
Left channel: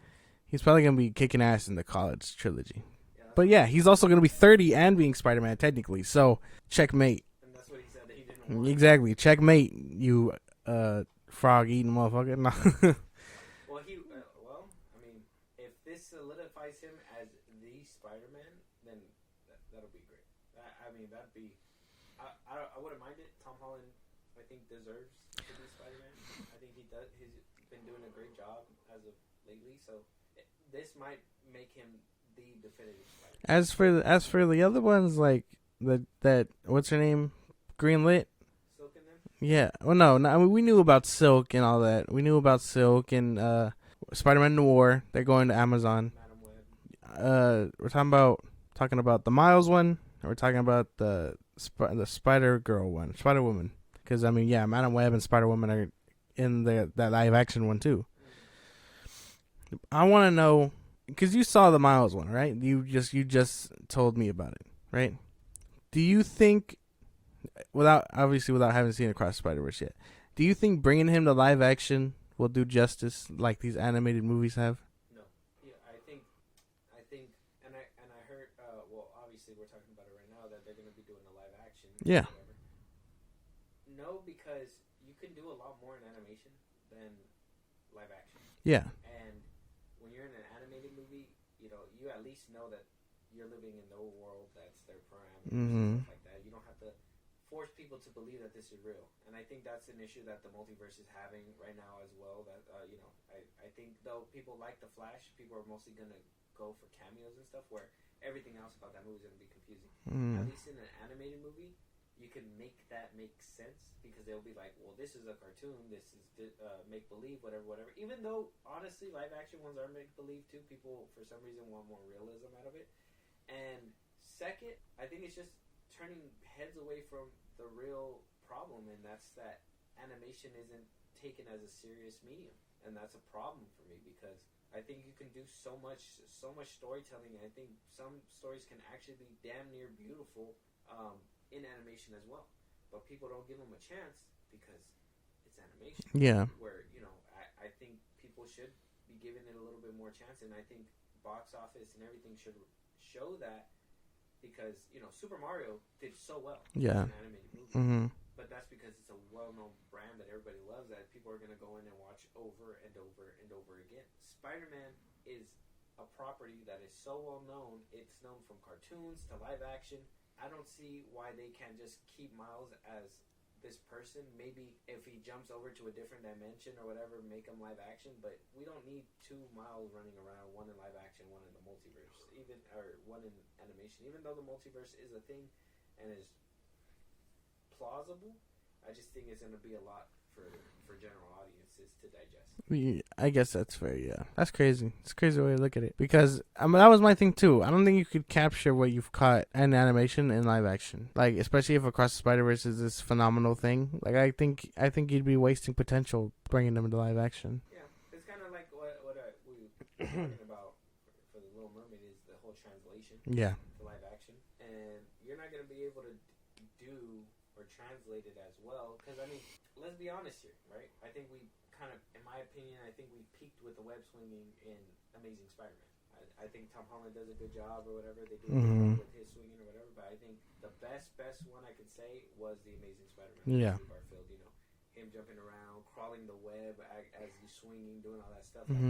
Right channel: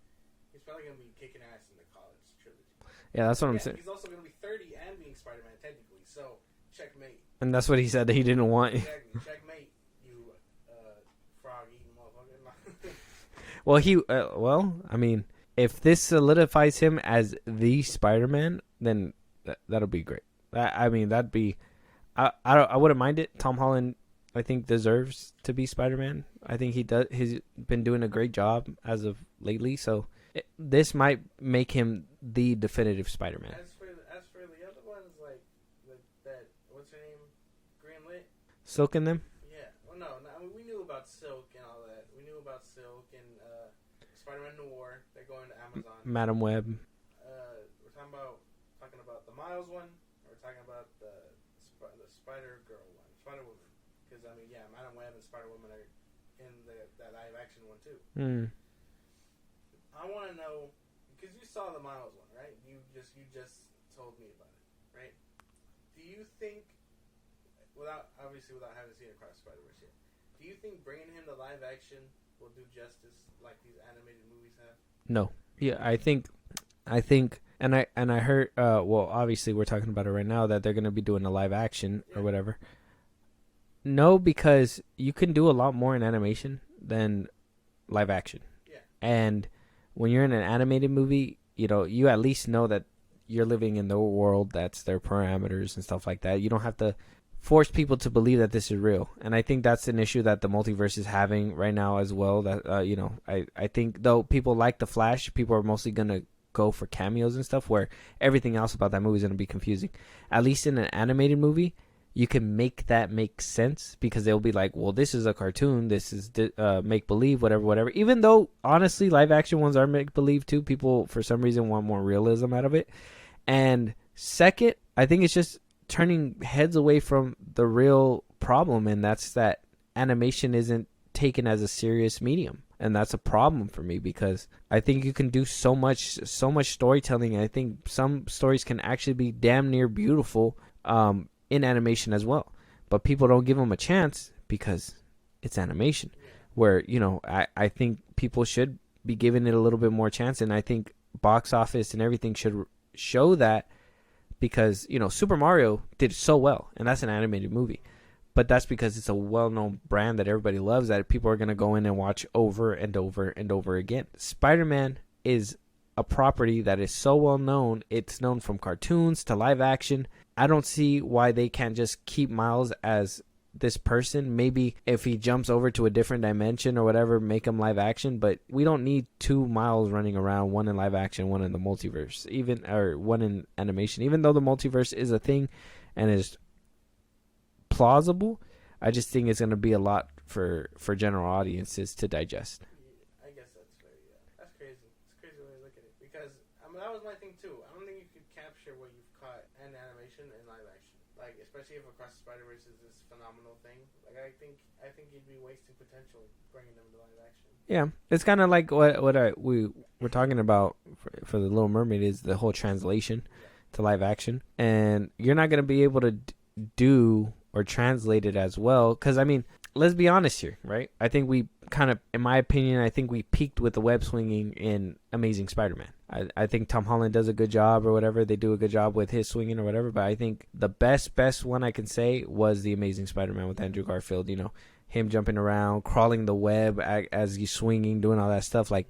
kicking ass in the college trilogy. Yeah, that's but what I'm saying. He's also gonna be 30 and being Spider-Man technically. So checkmate. And that's what he said that he didn't want. Exactly, checkmate. You frog eating motherfucker. No. Well, I mean, if this solidifies him as the Spider-Man, then that'll be great. I mean, that'd be. I wouldn't mind it. Tom Holland, I think, deserves to be Spider-Man. I think he does. He's been doing a great job as of lately. So this might make him the definitive Spider-Man. As for the other ones, like that what's her name, Greenlit, Silk in them. Yeah. Well, no. I mean, we knew about Silk and all that. We knew about Silk and Spider-Man Noir. They're going to Amazon. Madam Web. We're talking about the Miles one. Or we're talking about the Spider Girl one, Spider Woman. Because, I mean, Madam Web and Spider-Woman are in that live-action one, too. I want to know, because you saw the Miles one, right? You just told me about it, right? Do you think, without having seen Across Spider-Verse yet, do you think bringing him to live-action will do justice like these animated movies have? No. Yeah, I think And I heard, well, obviously we're talking about it right now, that they're going to be doing a live action or whatever. No, because you can do a lot more in animation than live action. Yeah. And when you're in an animated movie, you know, you at least know that you're living in their world, that's their parameters and stuff like that. You don't have to force people to believe that this is real. And I think that's an issue that the multiverse is having right now as well. That you know, I think though people like The Flash, people are mostly going to go for cameos and stuff, where everything else about that movie is going to be confusing. At least in an animated movie, you can make that make sense, because they'll be like, well, this is a cartoon, this is make believe, whatever. Even though honestly live action ones are make believe too, people for some reason want more realism out of it. And second, I think it's just turning heads away from the real problem, and that's that animation isn't taken as a serious medium. And that's a problem for me, because I think you can do so much storytelling. And I think some stories can actually be damn near beautiful in animation as well. But people don't give them a chance because it's animation. Yeah. Where, you know, I think people should be giving it a little bit more chance. And I think box office and everything should show that, because, you know, Super Mario did so well. And that's an animated movie. But that's because it's a well-known brand that everybody loves, that people are going to go in and watch over and over and over again. Spider-Man is a property that is so well-known. It's known from cartoons to live action. I don't see why they can't just keep Miles as this person. Maybe if he jumps over to a different dimension or whatever, make him live action. But we don't need two Miles running around, one in live action, one in the multiverse, or one in animation. Even though the multiverse is a thing and is plausible, I just think it's going to be a lot for general audiences to digest. I guess that's fair. Yeah, that's crazy. It's a crazy way to look at it, because I mean, that was my thing too. I don't think you could capture what you've caught in animation in live action, like especially if Across the Spider-Verse is this phenomenal thing. Like I think you'd be wasting potential bringing them into live action. Yeah, it's kind of like what we were talking about for the Little Mermaid, is the whole translation to live action, and you're not going to be able to do or translate it as well, because I mean, let's be honest here, right? I think we kind of, in my opinion, I think we peaked with the web swinging in Amazing Spider-Man. I think Tom Holland does a good job, or whatever. They do a good job with his swinging or whatever, but I think the best one I can say was the Amazing Spider-Man with Andrew Garfield. You know, him jumping around, crawling the web as he's swinging, doing all that stuff. Like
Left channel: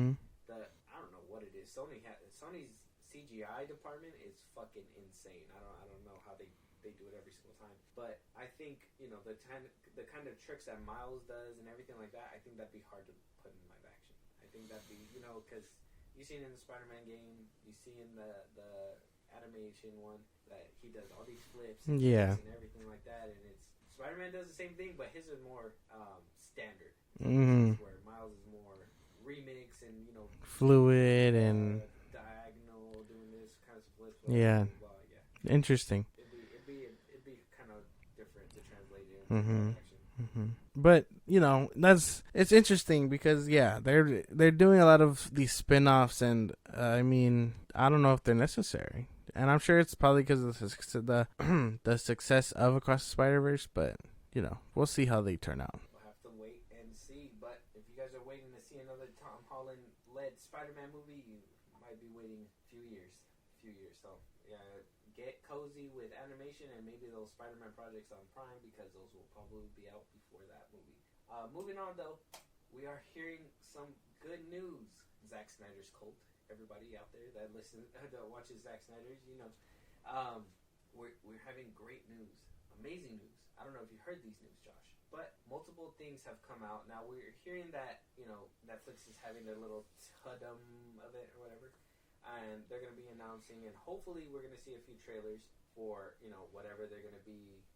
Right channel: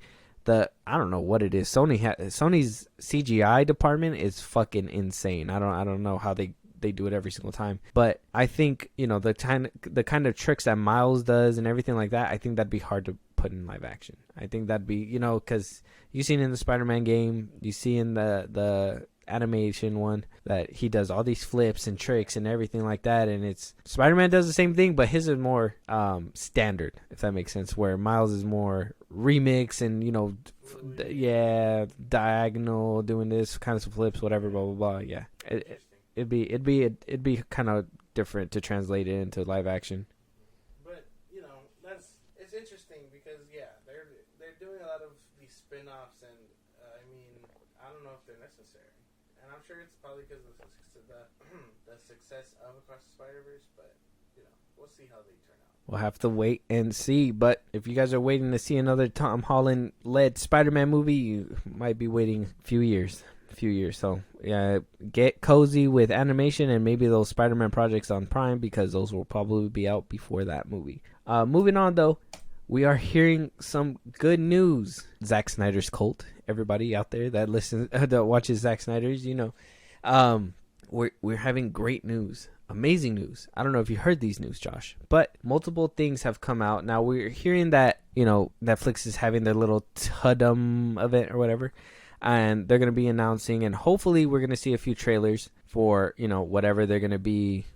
I don't know what it is. Sony's CGI department is fucking insane. I don't know how they do it every single time, but I think, you know, the kind of tricks that Miles does and everything like that, I think that'd be hard to put in live action. I think that'd be, you know, because you see in the Spider-Man game, you see in the animation one, that he does all these flips and tricks and everything like that, and it's Spider-Man does the same thing, but his is more standard, if that makes sense, where Miles is more remix and, you know, fluid, diagonal, doing this kind of flips, whatever, blah blah blah. Interesting. It'd be kind of different to translate it into live action. But you know, it's interesting, because they're doing a lot of these spin-offs, and I mean, I don't know if they're necessary, and I'm sure it's probably because of the success of Across the Spider-Verse, but you know, we'll see how they turn out. We'll have to wait and see. But if you guys are waiting to see another Tom Holland led Spider-Man movie, you might be waiting a few years. So yeah, get cozy with animation and maybe those Spider-Man projects on Prime, because those will probably be out before that movie. Moving on though, we are hearing some good news. Zack Snyder's cult, everybody out there that listens, that watches Zack Snyder's, you know, we're having great news. Amazing news. I don't know if you heard these news, Josh, but multiple things have come out. Now we're hearing that, you know, Netflix is having their little Tudum event or whatever, and they're going to be announcing, and hopefully we're going to see a few trailers for, you know, whatever they're going to be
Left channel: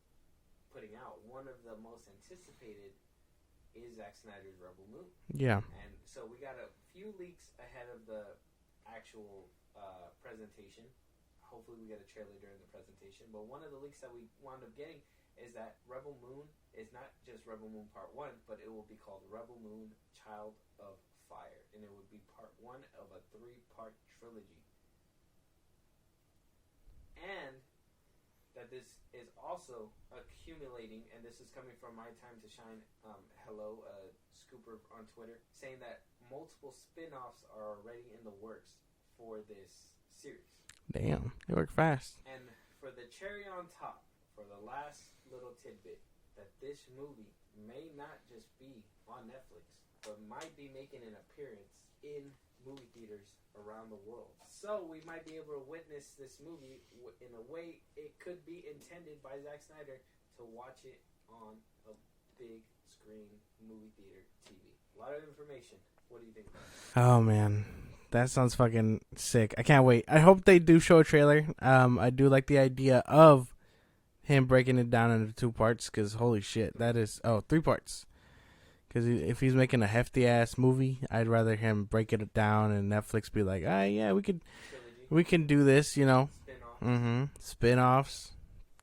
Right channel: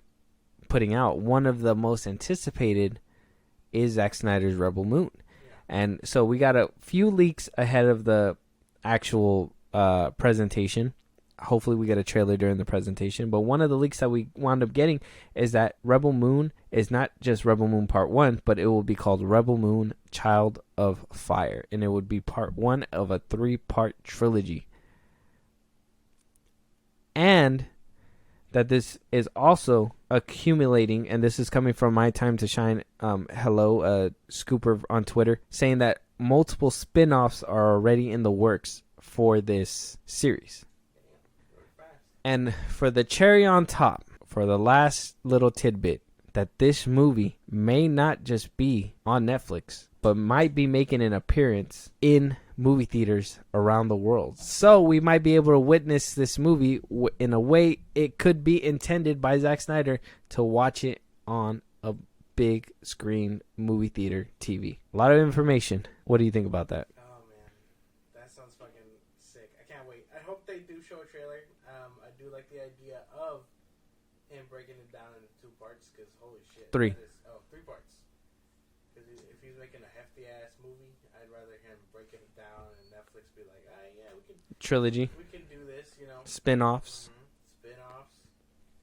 putting out. One of the most anticipated is Zack Snyder's Rebel Moon. Yeah. And so we got a few leaks ahead of the actual presentation. Hopefully we get a trailer during the presentation, but one of the leaks that we wound up getting is that Rebel Moon is not just Rebel Moon Part 1, but it will be called Rebel Moon Child of Fire, and it would be Part 1 of a 3-part trilogy. And that this is also accumulating, and this is coming from My Time to Shine, Scooper on Twitter, saying that multiple spin-offs are already in the works for this series. Damn, they work fast. And for the cherry on top, for the last little tidbit, that this movie may not just be on Netflix, but might be making an appearance in movie theaters around the world. So we might be able to witness this movie in a way it could be intended by Zack Snyder to watch it on a big screen movie theater TV. A lot of information. What do you think about that? Oh, man. That sounds fucking sick. I can't wait. I hope they do show a trailer. I do like the idea of him breaking it down into 2 parts, because holy shit. 3. That is, 3 parts. Because if he's making a hefty-ass movie, I'd rather him break it down and Netflix be like, yeah, we could... Trilogy. We can do this, you know. Spin-offs. Mm-hmm. Spin-offs.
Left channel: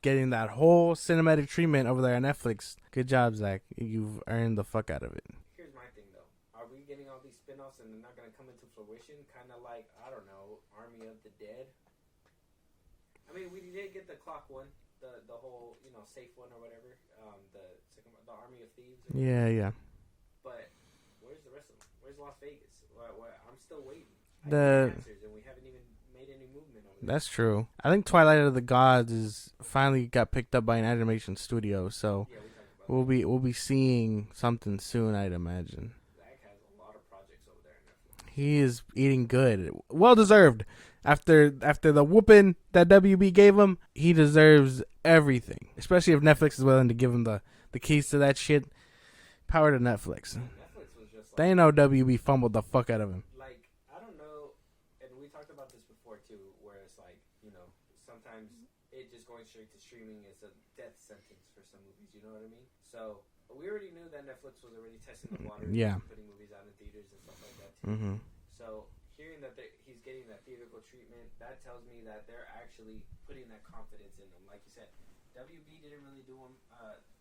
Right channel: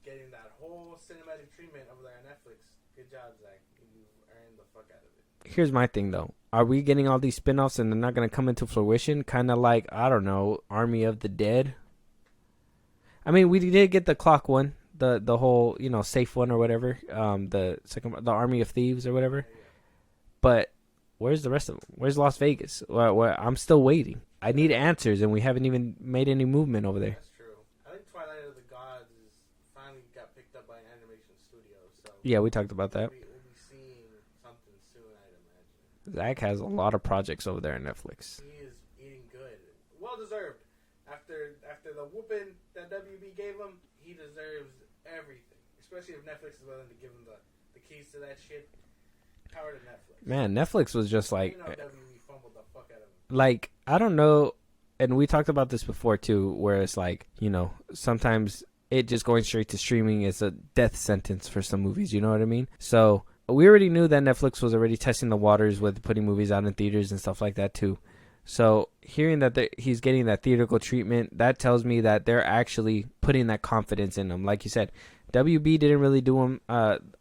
Getting that whole cinematic treatment over there on Netflix. Good job, Zach. You've earned the fuck out of it. Here's my thing, though. Are we getting all these spin-offs and they're not going to come into fruition? Kind of like, I don't know, Army of the Dead? I mean, we did get the clock one. The whole, you know, safe one or whatever. The Army of Thieves or whatever. Yeah. But where's the rest of them? Where's Las Vegas? I'm still waiting. I need answers, and we haven't even made any movement over there. That's true. I think Twilight of the Gods is finally got picked up by an animation studio. So yeah, we talked about that. We'll be seeing something soon, I'd imagine. Zach has a lot of projects over there on Netflix. He is eating good, well deserved. After the whooping that WB gave him, he deserves everything. Especially if Netflix is willing to give him the keys to that shit. Power to Netflix. Man, Netflix was just like... They know WB fumbled the fuck out of him. Like, I don't know, and we talked about this before too, where it's like, you know, sometimes it just going straight to streaming is a death sentence for some movies, you know what I mean? So, we already knew that Netflix was already testing the waters with putting movies out in theaters and stuff like that too. Mm-hmm. So, hearing that he's getting that theatrical treatment, that tells me that they're actually putting that confidence in him. Like you said, WB didn't really do him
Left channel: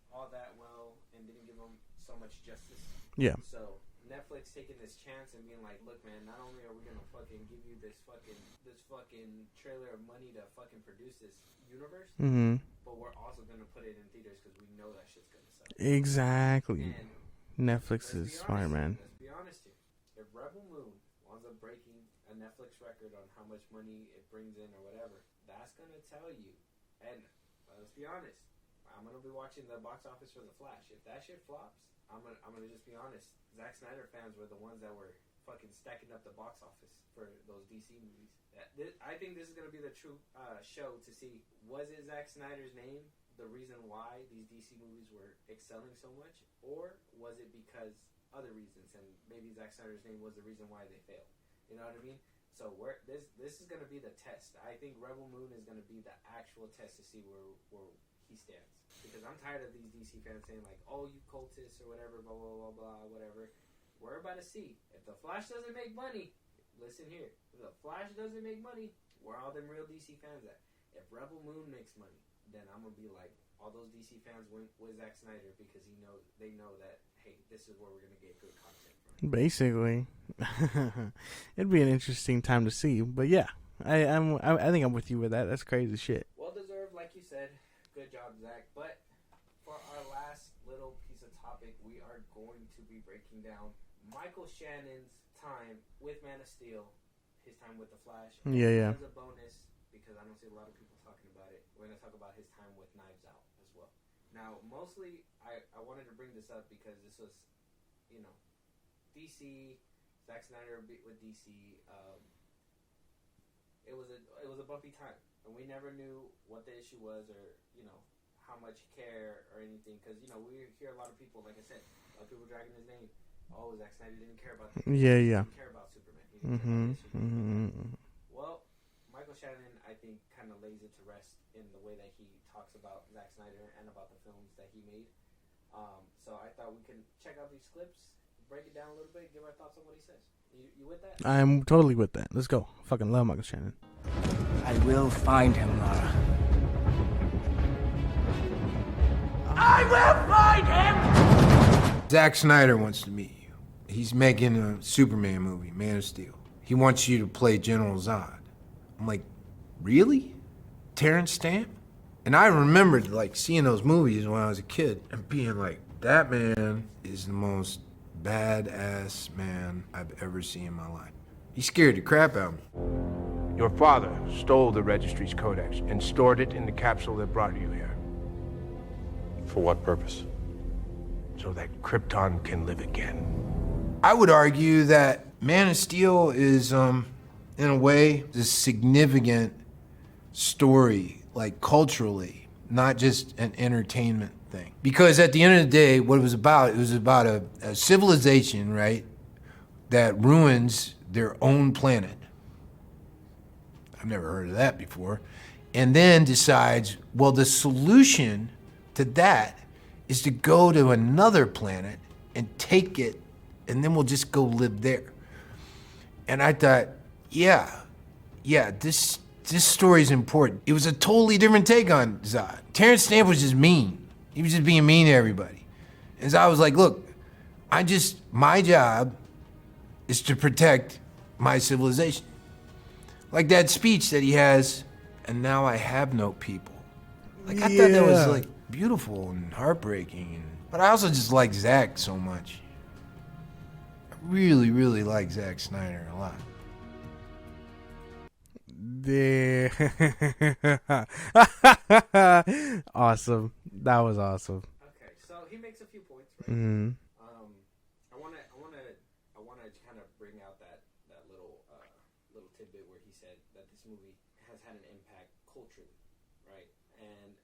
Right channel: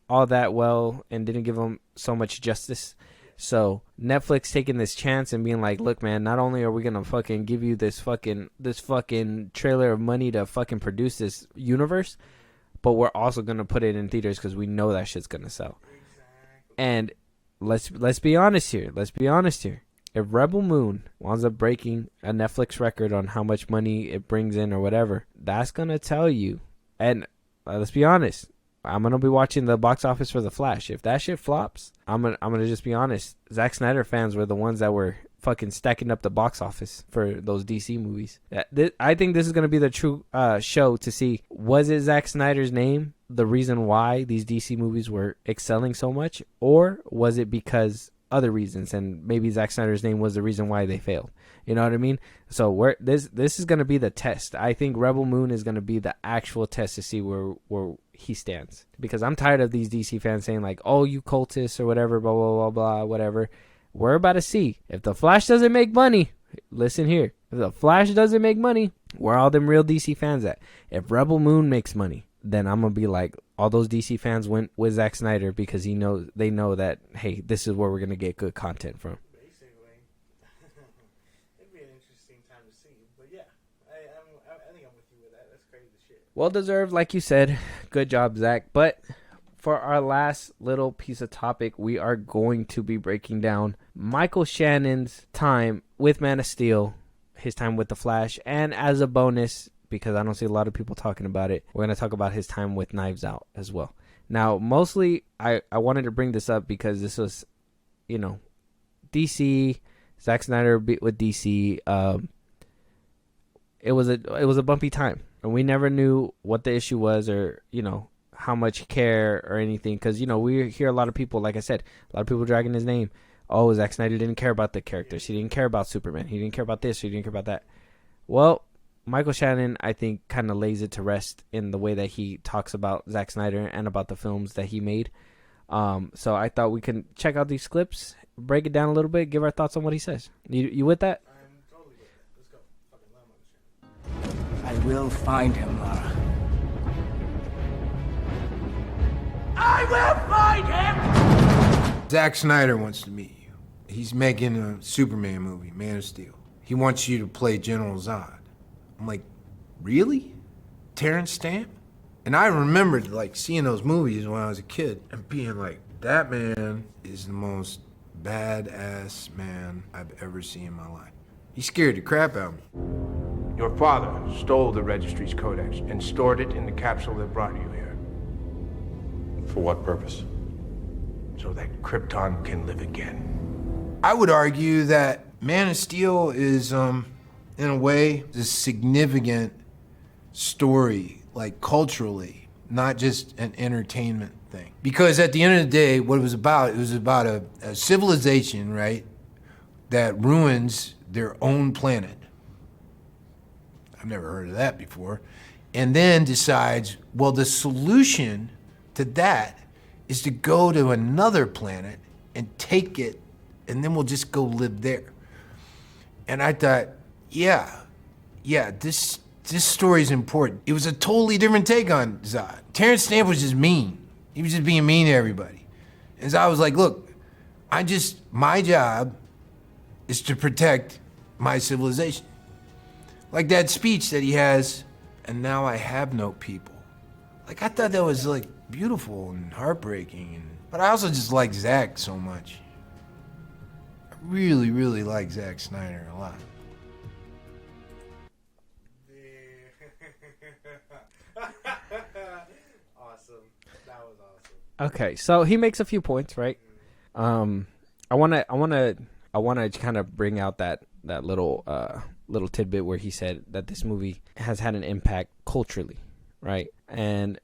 all that well and didn't give him so much justice. Yeah. So Netflix taking this chance and being like, look, man, not only are we gonna fucking give you this fucking trailer of money to fucking produce this universe, but we're also gonna put it in theaters because we know that shit's gonna sell. Exactly. And let's be honest here. Let's be honest here. If Rebel Moon winds up breaking a Netflix record on how much money it brings in or whatever, that's gonna tell you. And let's be honest. I'm gonna be watching the box office for The Flash. If that shit flops, I'm gonna just be honest. Zack Snyder fans were the ones that were fucking stacking up the box office for those DC movies. I think this is gonna be the true show to see, was it Zack Snyder's name the reason why these DC movies were excelling so much, or was it because other reasons, and maybe Zack Snyder's name was the reason why they failed. You know what I mean? So this is going to be the test. I think Rebel Moon is going to be the actual test to see where he stands. Because I'm tired of these DC fans saying like, oh, you cultists or whatever, blah, blah, blah, blah, whatever. We're about to see. If The Flash doesn't make money, listen here. If The Flash doesn't make money, where are all them real DC fans at? If Rebel Moon makes money, then I'm going to be like, all those DC fans went with Zack Snyder because they know that, hey, this is where we're going to get good content from. Basically. It'd be an interesting time to see, but yeah, I think I'm with you with that. That's crazy shit. Well deserved, like you said. Good job, Zach. But for our last little piece of topic, we are going to be breaking down Michael Shannon's time with Man of Steel, his time with The Flash, and as a bonus, because I don't see a lot of people talking about it, we're going to talk about his time with Knives Out as well. Now, mostly, I wanted to bring this up because this was, you know, DC... Zack Snyder with DC, it was a bumpy time, and we never knew what the issue was, or you know how much care or anything, because you know we hear a lot of people, like I said, a lot of people dragging his name. Oh, Zack Snyder didn't care about the characters. He didn't care about Superman. He didn't care about this. He didn't care about that. Well, Michael Shannon, I think, kind of lays it to rest in the way that he talks about Zack Snyder and about the films that he made. So I thought we can check out these clips, break it down a little bit, give our thoughts on what he says. You with that? I'm totally with that. Let's go. Fucking love Michael Shannon. I will find him, Lara. I will find him! Zack Snyder wants to meet you. He's making a Superman movie, Man of Steel. He wants you to play General Zod. I'm like, really? Terrence Stamp? And I remembered like seeing those movies when I was a kid and being like, that man is the most badass man I've ever seen in my life. He scared the crap out of me. Your father stole the registry's codex and stored it in the capsule that brought you here. For what purpose? So that Krypton can live again. I would argue that Man of Steel is, in a way, a significant story, like culturally, not just an entertainment thing. Because at the end of the day, what it was about a civilization, right, that ruins their own planet. I've never heard of that before. And then decides, well, the solution to that is to go to another planet and take it, and then we'll just go live there. And I thought, yeah, this story is important. It was a totally different take on Zod. Terrence Stamp was just mean. He was just being mean to everybody. And Zod was like, look, my job is to protect my civilization. Like that speech that he has, and now I have no people. Like, I thought that was, like, beautiful and heartbreaking. But I also just like Zack so much. I really, really like Zack Snyder a lot. Awesome. That was awesome. Okay, so he makes a few points, right? Mm-hmm. I wanna kind of bring out that little tidbit where he said that this movie has had an impact culturally, right? And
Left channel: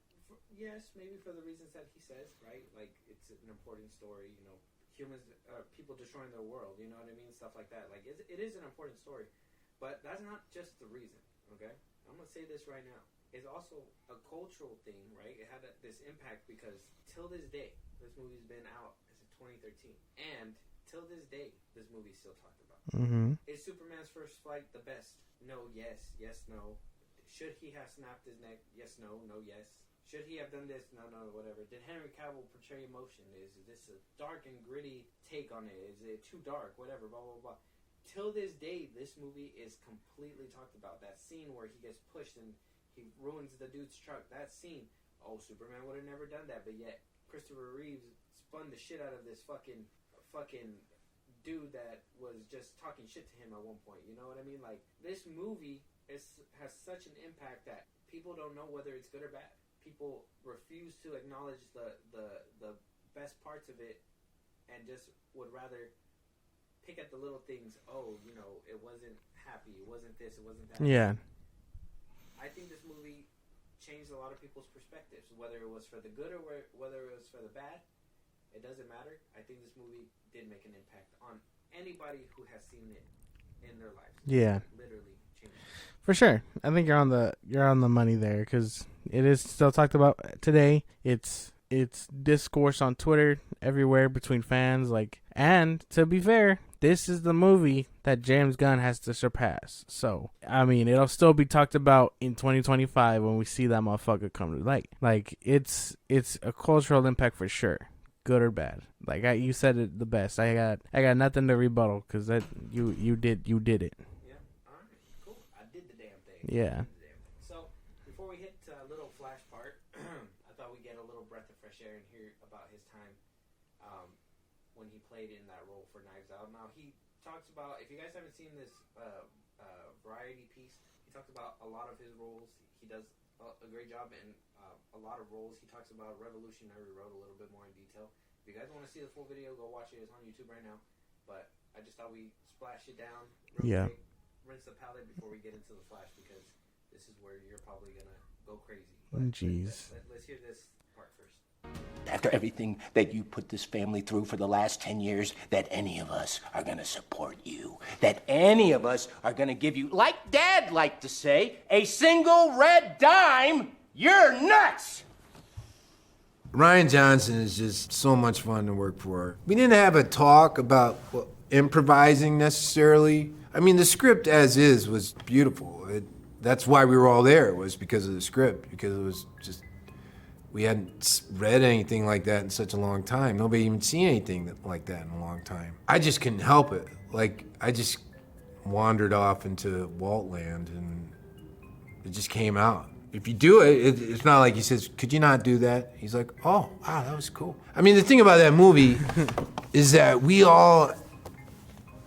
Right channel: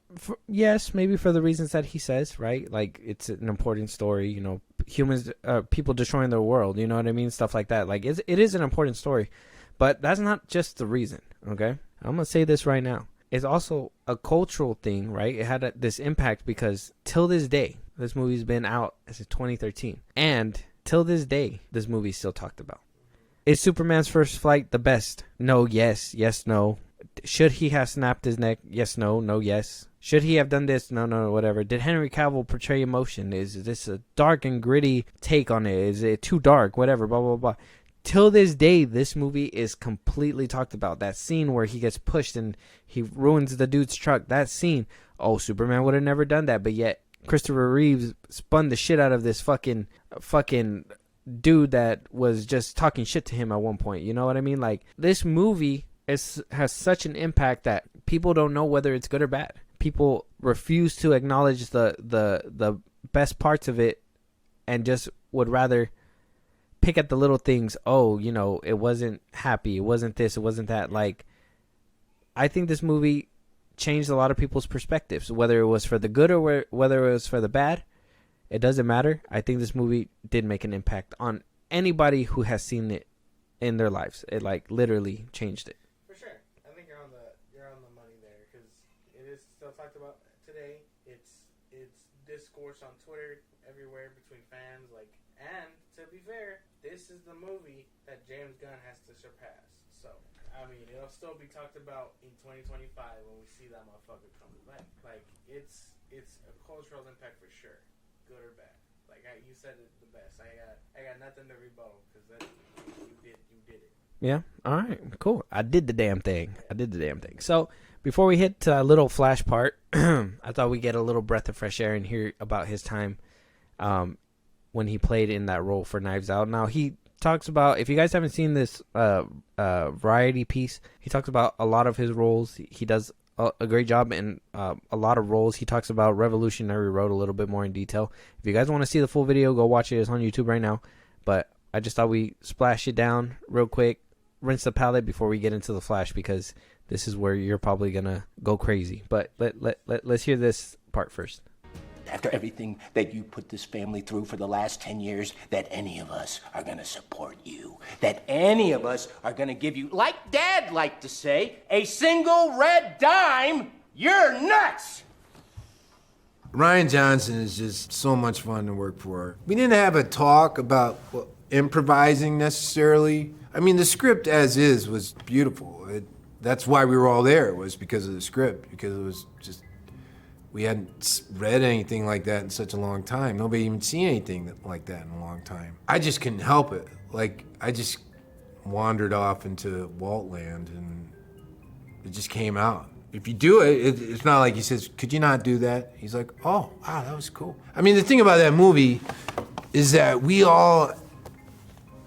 yes, maybe for the reasons that he says, right? Like, it's an important story, you know, humans, people destroying their world, you know what I mean? Stuff like that. Like, it is an important story, but that's not just the reason, okay? I'm gonna say this right now. It's also a cultural thing, right? It had this impact because till this day, this movie's been out since 2013, and till this day, this movie's still talked about. Mm-hmm. Is Superman's first flight the best? No, yes, no. Should he have snapped his neck? Yes, no, yes. Should he have done this? No, whatever. Did Henry Cavill portray emotion? Is this a dark and gritty take on it? Is it too dark? Whatever, blah, blah, blah. Till this day, this movie is completely talked about. That scene where he gets pushed and he ruins the dude's truck. That scene. Oh, Superman would have never done that, but yet Christopher Reeves spun the shit out of this fucking dude that was just talking shit to him at one point. You know what I mean? Like, this movie has such an impact that people don't know whether it's good or bad. People refuse to acknowledge the best parts of it and just would rather pick at the little things. Oh, you know, it wasn't happy. It wasn't this. It wasn't that. Yeah. Like, I think this movie changed a lot of people's perspectives, whether it was for the good or whether it was for the bad. It doesn't matter. I think this movie did make an impact on anybody who has seen it in their lives. It like literally changed it. For sure. I think you're on the money there, because it is still talked about today. It's discourse on Twitter everywhere between fans. Like, and to be fair, this is the movie that James Gunn has to surpass. So, I mean, it'll still be talked about in 2025 when we see that motherfucker come to light. Like, it's a cultural impact for sure, good or bad. Like, you said it the best. I got nothing to rebuttal, because that you did it. Yeah. All right. Cool. I did the damn thing. Yeah. I did the damn thing. So before we hit to a little flash part, I thought we'd get a little breath of fresh air and hear about his time when he played in that role for Knives Out. Now, he talks about, if you guys haven't seen this variety piece, he talks about a lot of his roles. He does a great job in a lot of roles. He talks about Revolutionary Road a little bit more in detail. If you guys want to see the full video, go watch it. It's on YouTube right now. But I just thought we splash it down real quick, rinse the palette before we get into the flash, because this is where you're probably going to go crazy. But let's hear this part first. After everything that you put this family through for the last 10 years, that any of us are gonna support you. That any of us are gonna give you, like Dad liked to say, a single red dime. You're nuts! Rian Johnson is just so much fun to work for. We didn't have a talk about improvising necessarily. I mean, the script as is was beautiful. That's why we were all there, was because of the script, because it was just, we hadn't read anything like that in such a long time. Nobody even seen anything like that in a long time. I just couldn't help it. Like, I just wandered off into Walt land, and it just came out. If you do it, it's not like he says, could you not do that? He's like, oh, wow, that was cool. I mean, the thing about that movie is that we all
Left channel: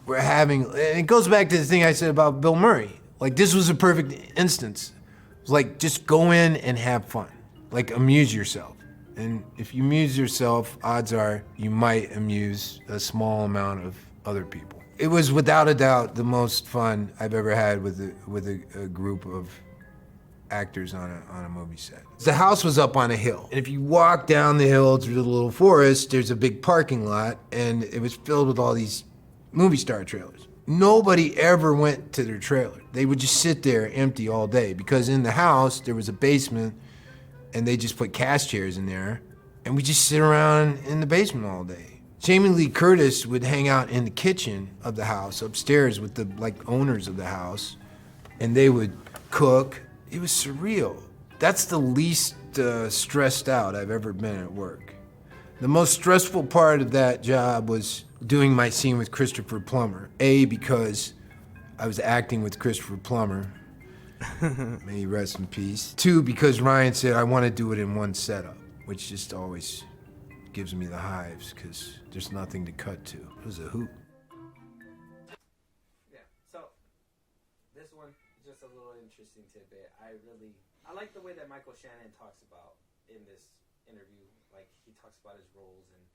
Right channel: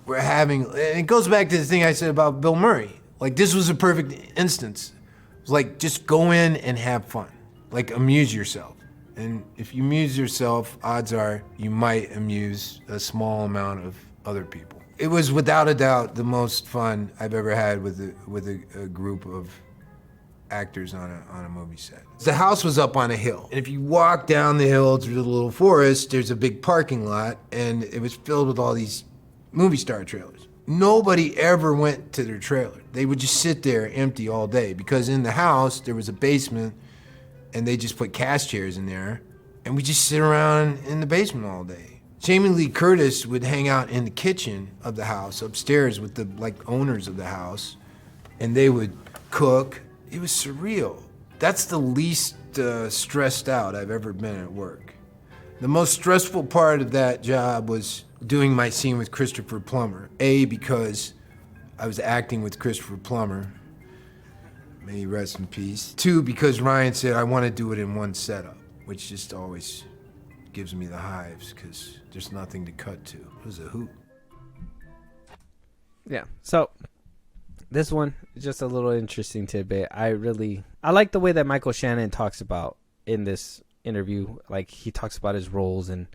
were having, and it goes back to the thing I said about Bill Murray. Like, this was a perfect instance. It was like, just go in and have fun. Like, amuse yourself. And if you amuse yourself, odds are you might amuse a small amount of other people. It was without a doubt the most fun I've ever had with a group of actors on a movie set. The house was up on a hill, and if you walk down the hill through the little forest, there's a big parking lot, and it was filled with all these movie star trailers. Nobody ever went to their trailer. They would just sit there empty all day, because in the house there was a basement, and they just put cast chairs in there, and we just sit around in the basement all day. Jamie Lee Curtis would hang out in the kitchen of the house upstairs with the owners of the house, and they would cook. It was surreal. That's the least stressed out I've ever been at work. The most stressful part of that job was doing my scene with Christopher Plummer. A, because I was acting with Christopher Plummer. May he rest in peace. 2, because Ryan said I want to do it in one setup, which just always gives me the hives because there's nothing to cut to. It was a hoot. Yeah. So this one is just a little interesting tidbit. I like the way that Michael Shannon talks about in this interview. Like, he talks about his roles, and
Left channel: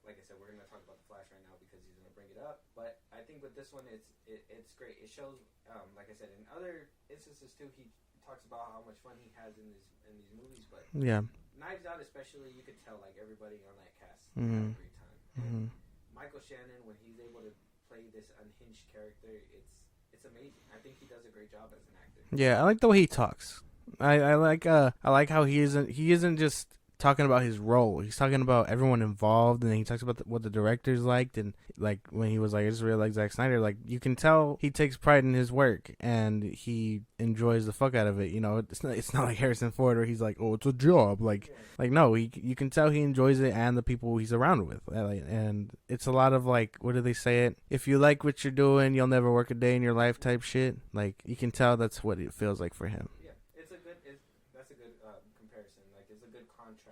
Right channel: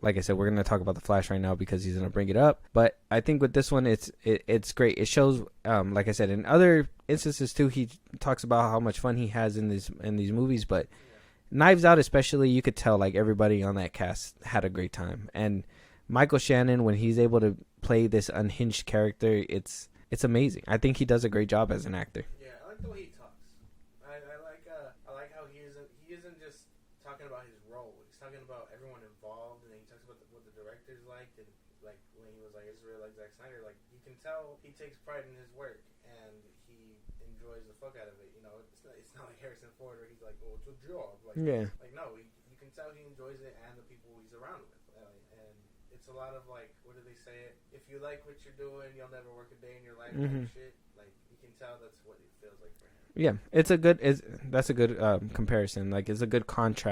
like I said, we're gonna talk about the Flash right now because he's gonna bring it up. But I think with this one, it's great. It shows, like I said, in other instances too, he talks about how much fun he has in these movies. But Yeah. Knives Out especially, you could tell like everybody on that cast had a great time. And Michael Shannon, when he's able to play this unhinged character, it's amazing. I think he does a great job as an actor. Yeah, I like the way he talks. I like how he isn't just talking about his role. He's talking about everyone involved, and then he talks about what the directors liked, and like when he was like, "I just really like Zack Snyder." Like, you can tell he takes pride in his work and he enjoys the fuck out of it. You know, it's not like Harrison Ford where he's like, "Oh, it's a job." Like, Yeah. like no, you can tell he enjoys it and the people he's around with. And it's a lot of like, what do they say it? If you like what you're doing, you'll never work a day in your life type shit. Like, you can tell that's what it feels like for him. Yeah, that's a good comparison. Like, it's a good contrast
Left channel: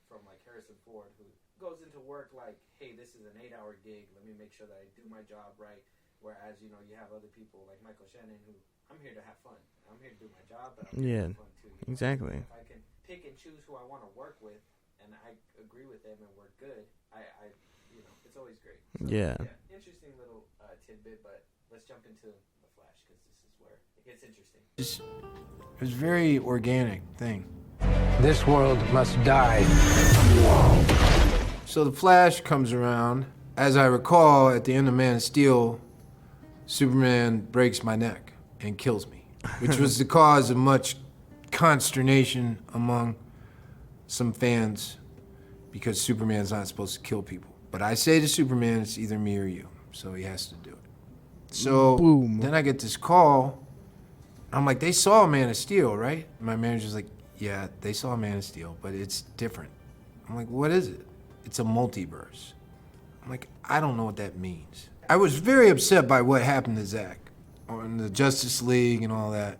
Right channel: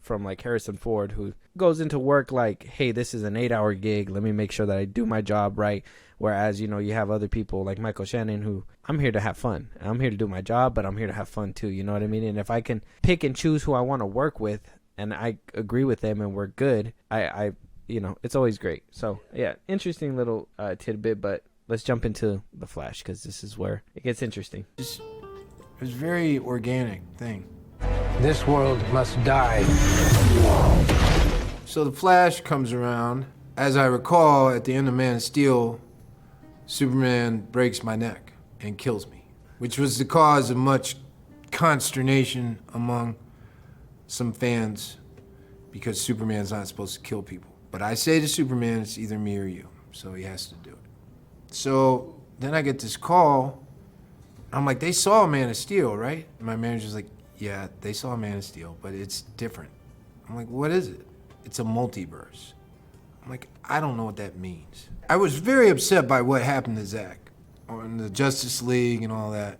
from like Harrison Ford, who goes into work like, hey, this is an 8-hour gig, let me make sure that I do my job right. Whereas, you know, you have other people like Michael Shannon, who, I'm here to have fun. I'm here to do my job, but I'm here to have fun too. You know what I mean? And if I can pick and choose who I want to work with, and I agree with them and we're good, I you know, it's always great. So yeah, interesting little tidbit. But let's jump into the Flash, because this is where it gets interesting. It was a very organic thing. This world must die. So the Flash comes around. As I recall, at the end of Man of Steel, Superman breaks my neck and kills me, which was the cause of much consternation among some fans, because Superman's not supposed to kill people. But I say to Superman, it's either me or you, so he has to do it. So then I get this call. I'm like, they saw Man of Steel, right? And my manager's like, yeah, they saw Man of Steel, but it's different. I'm like, what is it? It's a multiverse. I'm like, I don't know what that means. I was very upset by what happened to Zach on the Justice League and all that.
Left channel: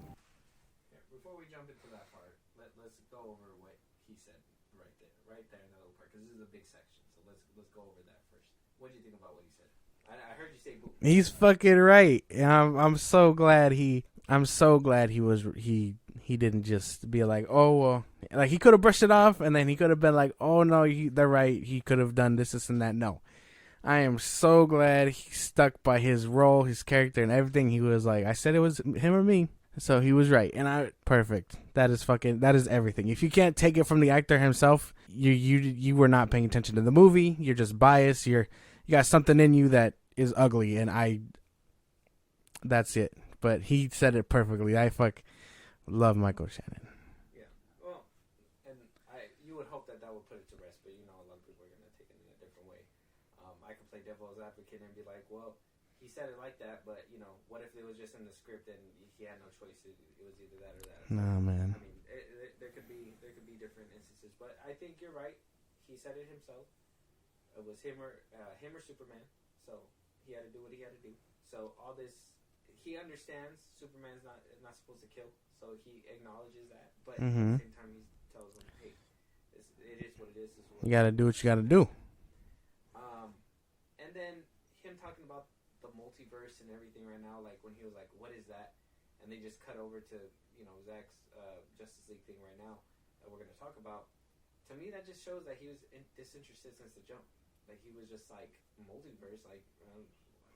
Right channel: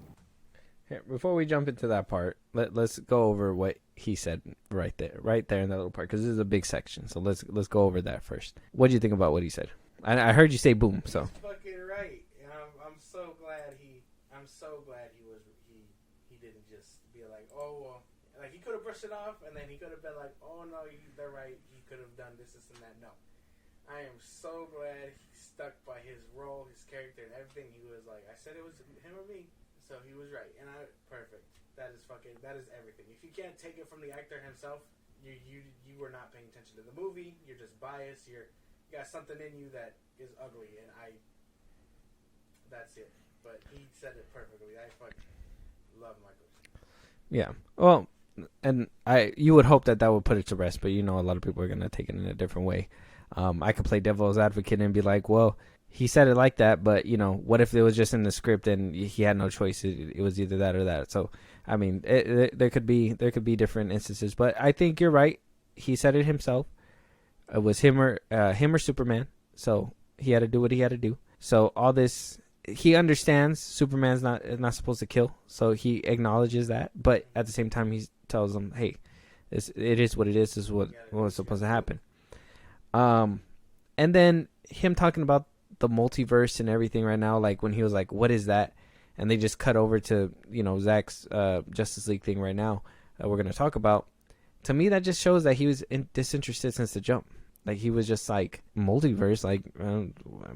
Here, before we jump into that part, let's go over what he said right there in that little part, because this is a big section. So let's go over that first. What do you think about what he said? I heard you say boom. He's fucking right. I'm so glad he didn't just be like, oh, well, like, he could have brushed it off, and then he could have been like, oh no, they're right, he could have done this and that. No, I am so glad he stuck by his role, his character, and everything. He was like, I said it was him or me, so he was right. And perfect. That is everything. If you can't take it from the actor himself, you were not paying attention to the movie. You're just biased. You got something in you that is ugly, and that's it. But he said it perfectly. I love Michael Shannon. Yeah. Well, and you would hope that would put it to rest, but you know, a lot of people are going to take it in a different way. I could play devil's advocate and be like, well, he said it like that, but you know, what if it was just in the script and he had no choice? It was either that or that. So, I mean, there could be different instances, but I think you're right. He said it himself. It was him or Superman. So he had to do what he had to do. So all this, he understands Superman's not supposed to kill, so he acknowledges that. But at the same time, he tells them, "Hey, it is what it is. This is what you gotta do. What you gotta happen." And then him talking about the multiverse and everything right now, like when he was like, "What is that?" and they just cut over to, you know, Zack's Justice League thing right now that we're gonna talk about. To me, that just shows that he was disinterested since the jump. Like, he was just like, multiverse, like, am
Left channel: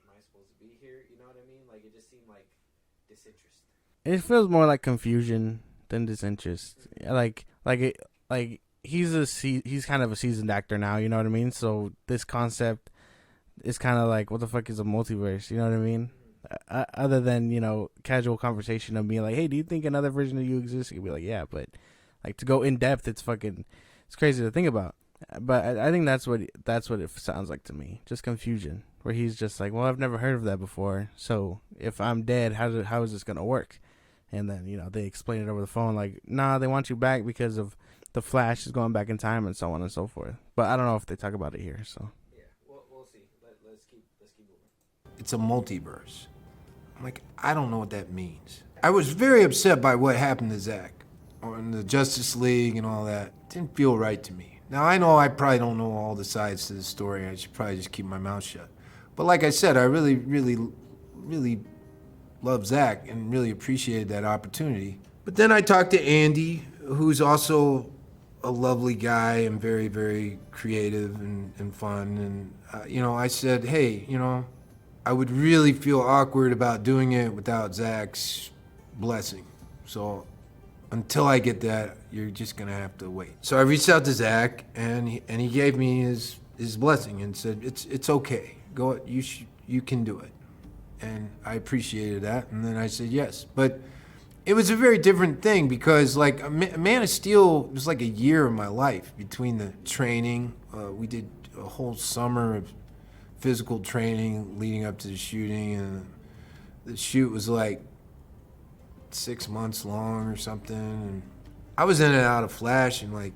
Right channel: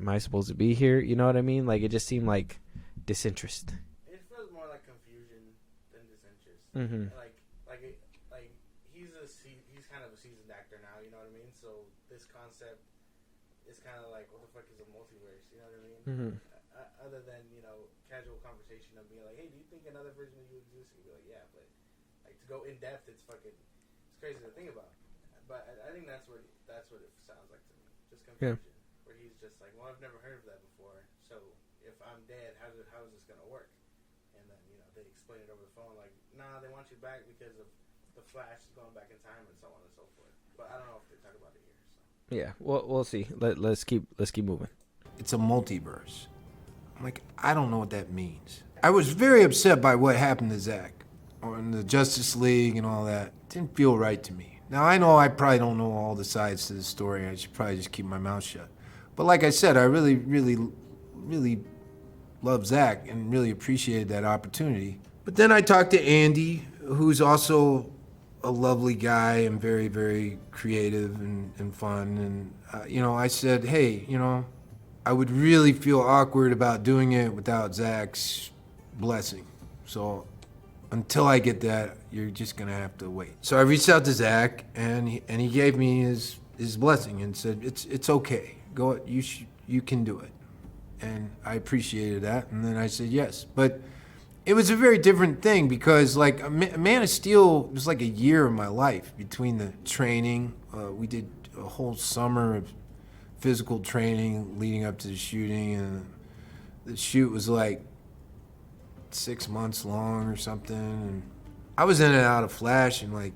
I supposed to be here? You know what I mean? Like, it just seemed like disinterest. It feels more like confusion than disinterest. Mm-hmm. Like he's kind of a seasoned actor now. You know what I mean? So this concept is kind of like, what the fuck is a multiverse? You know what I mean? Mm-hmm. Other than, you know, casual conversation of being like, hey, do you think another version of you exists? You'd be like, yeah, but like to go in depth, it's crazy to think about. But I think that's what it sounds like to me. Just confusion, where he's just like, well, I've never heard of that before. So if I'm dead, how is this gonna work? And then, you know, they explain it over the phone, like, nah, they want you back because of the Flash is going back in time and so on and so forth. But I don't know if they talk about it here. So Yeah, we'll see. Let's keep moving. It's a multiverse. I'm like, I don't know what that means. I was very upset by what happened to Zack on the Justice League and all that. It didn't feel right to me. Now, I know I probably don't know all the sides to the story. I should probably just keep my mouth shut. But like I said, I really, really, really love Zack and really appreciated that opportunity. But then I talked to Andy, who's also a lovely guy and very, very creative and fun. And, you know, I said, hey, you know, I would really feel awkward about doing it without Zack's blessing. So until I get that, you're just gonna have to wait. So I reached out to Zack, and he gave me his blessing and said, it's okay. Go, you can do it. And I appreciated that, and then I said yes. But it was a very different thing because, like, Man of Steel was like a year of my life between the training. We did a whole summer of physical training leading up to the shooting, and the shoot was like 6 months long or something. And I was in and out of Flash in like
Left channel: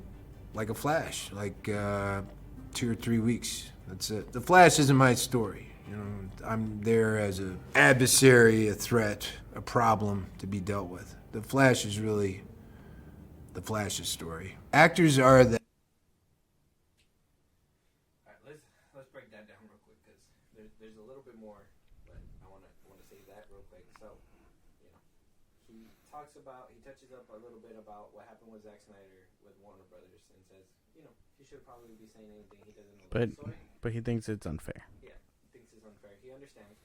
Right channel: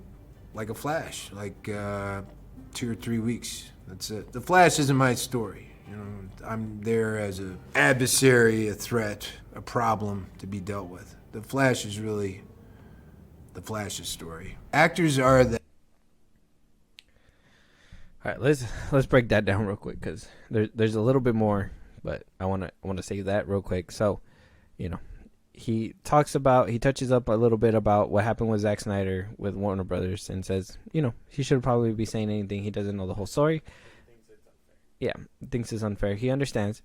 a flash, like 2 or 3 weeks. That's it. The Flash isn't my story. You know, I'm there as an adversary, a threat, a problem to be dealt with. The Flash is really the Flash's story. Actors are the... All right, let's break that down real quick because there's a little bit more, but I want to say that real quick. So, you know, he touches up a little bit about what happened with Zack Snyder with Warner Brothers and says, you know, he should probably be saying anything. He doesn't know the whole story. But he thinks it's unfair. Yeah, thinks it's unfair. He understands.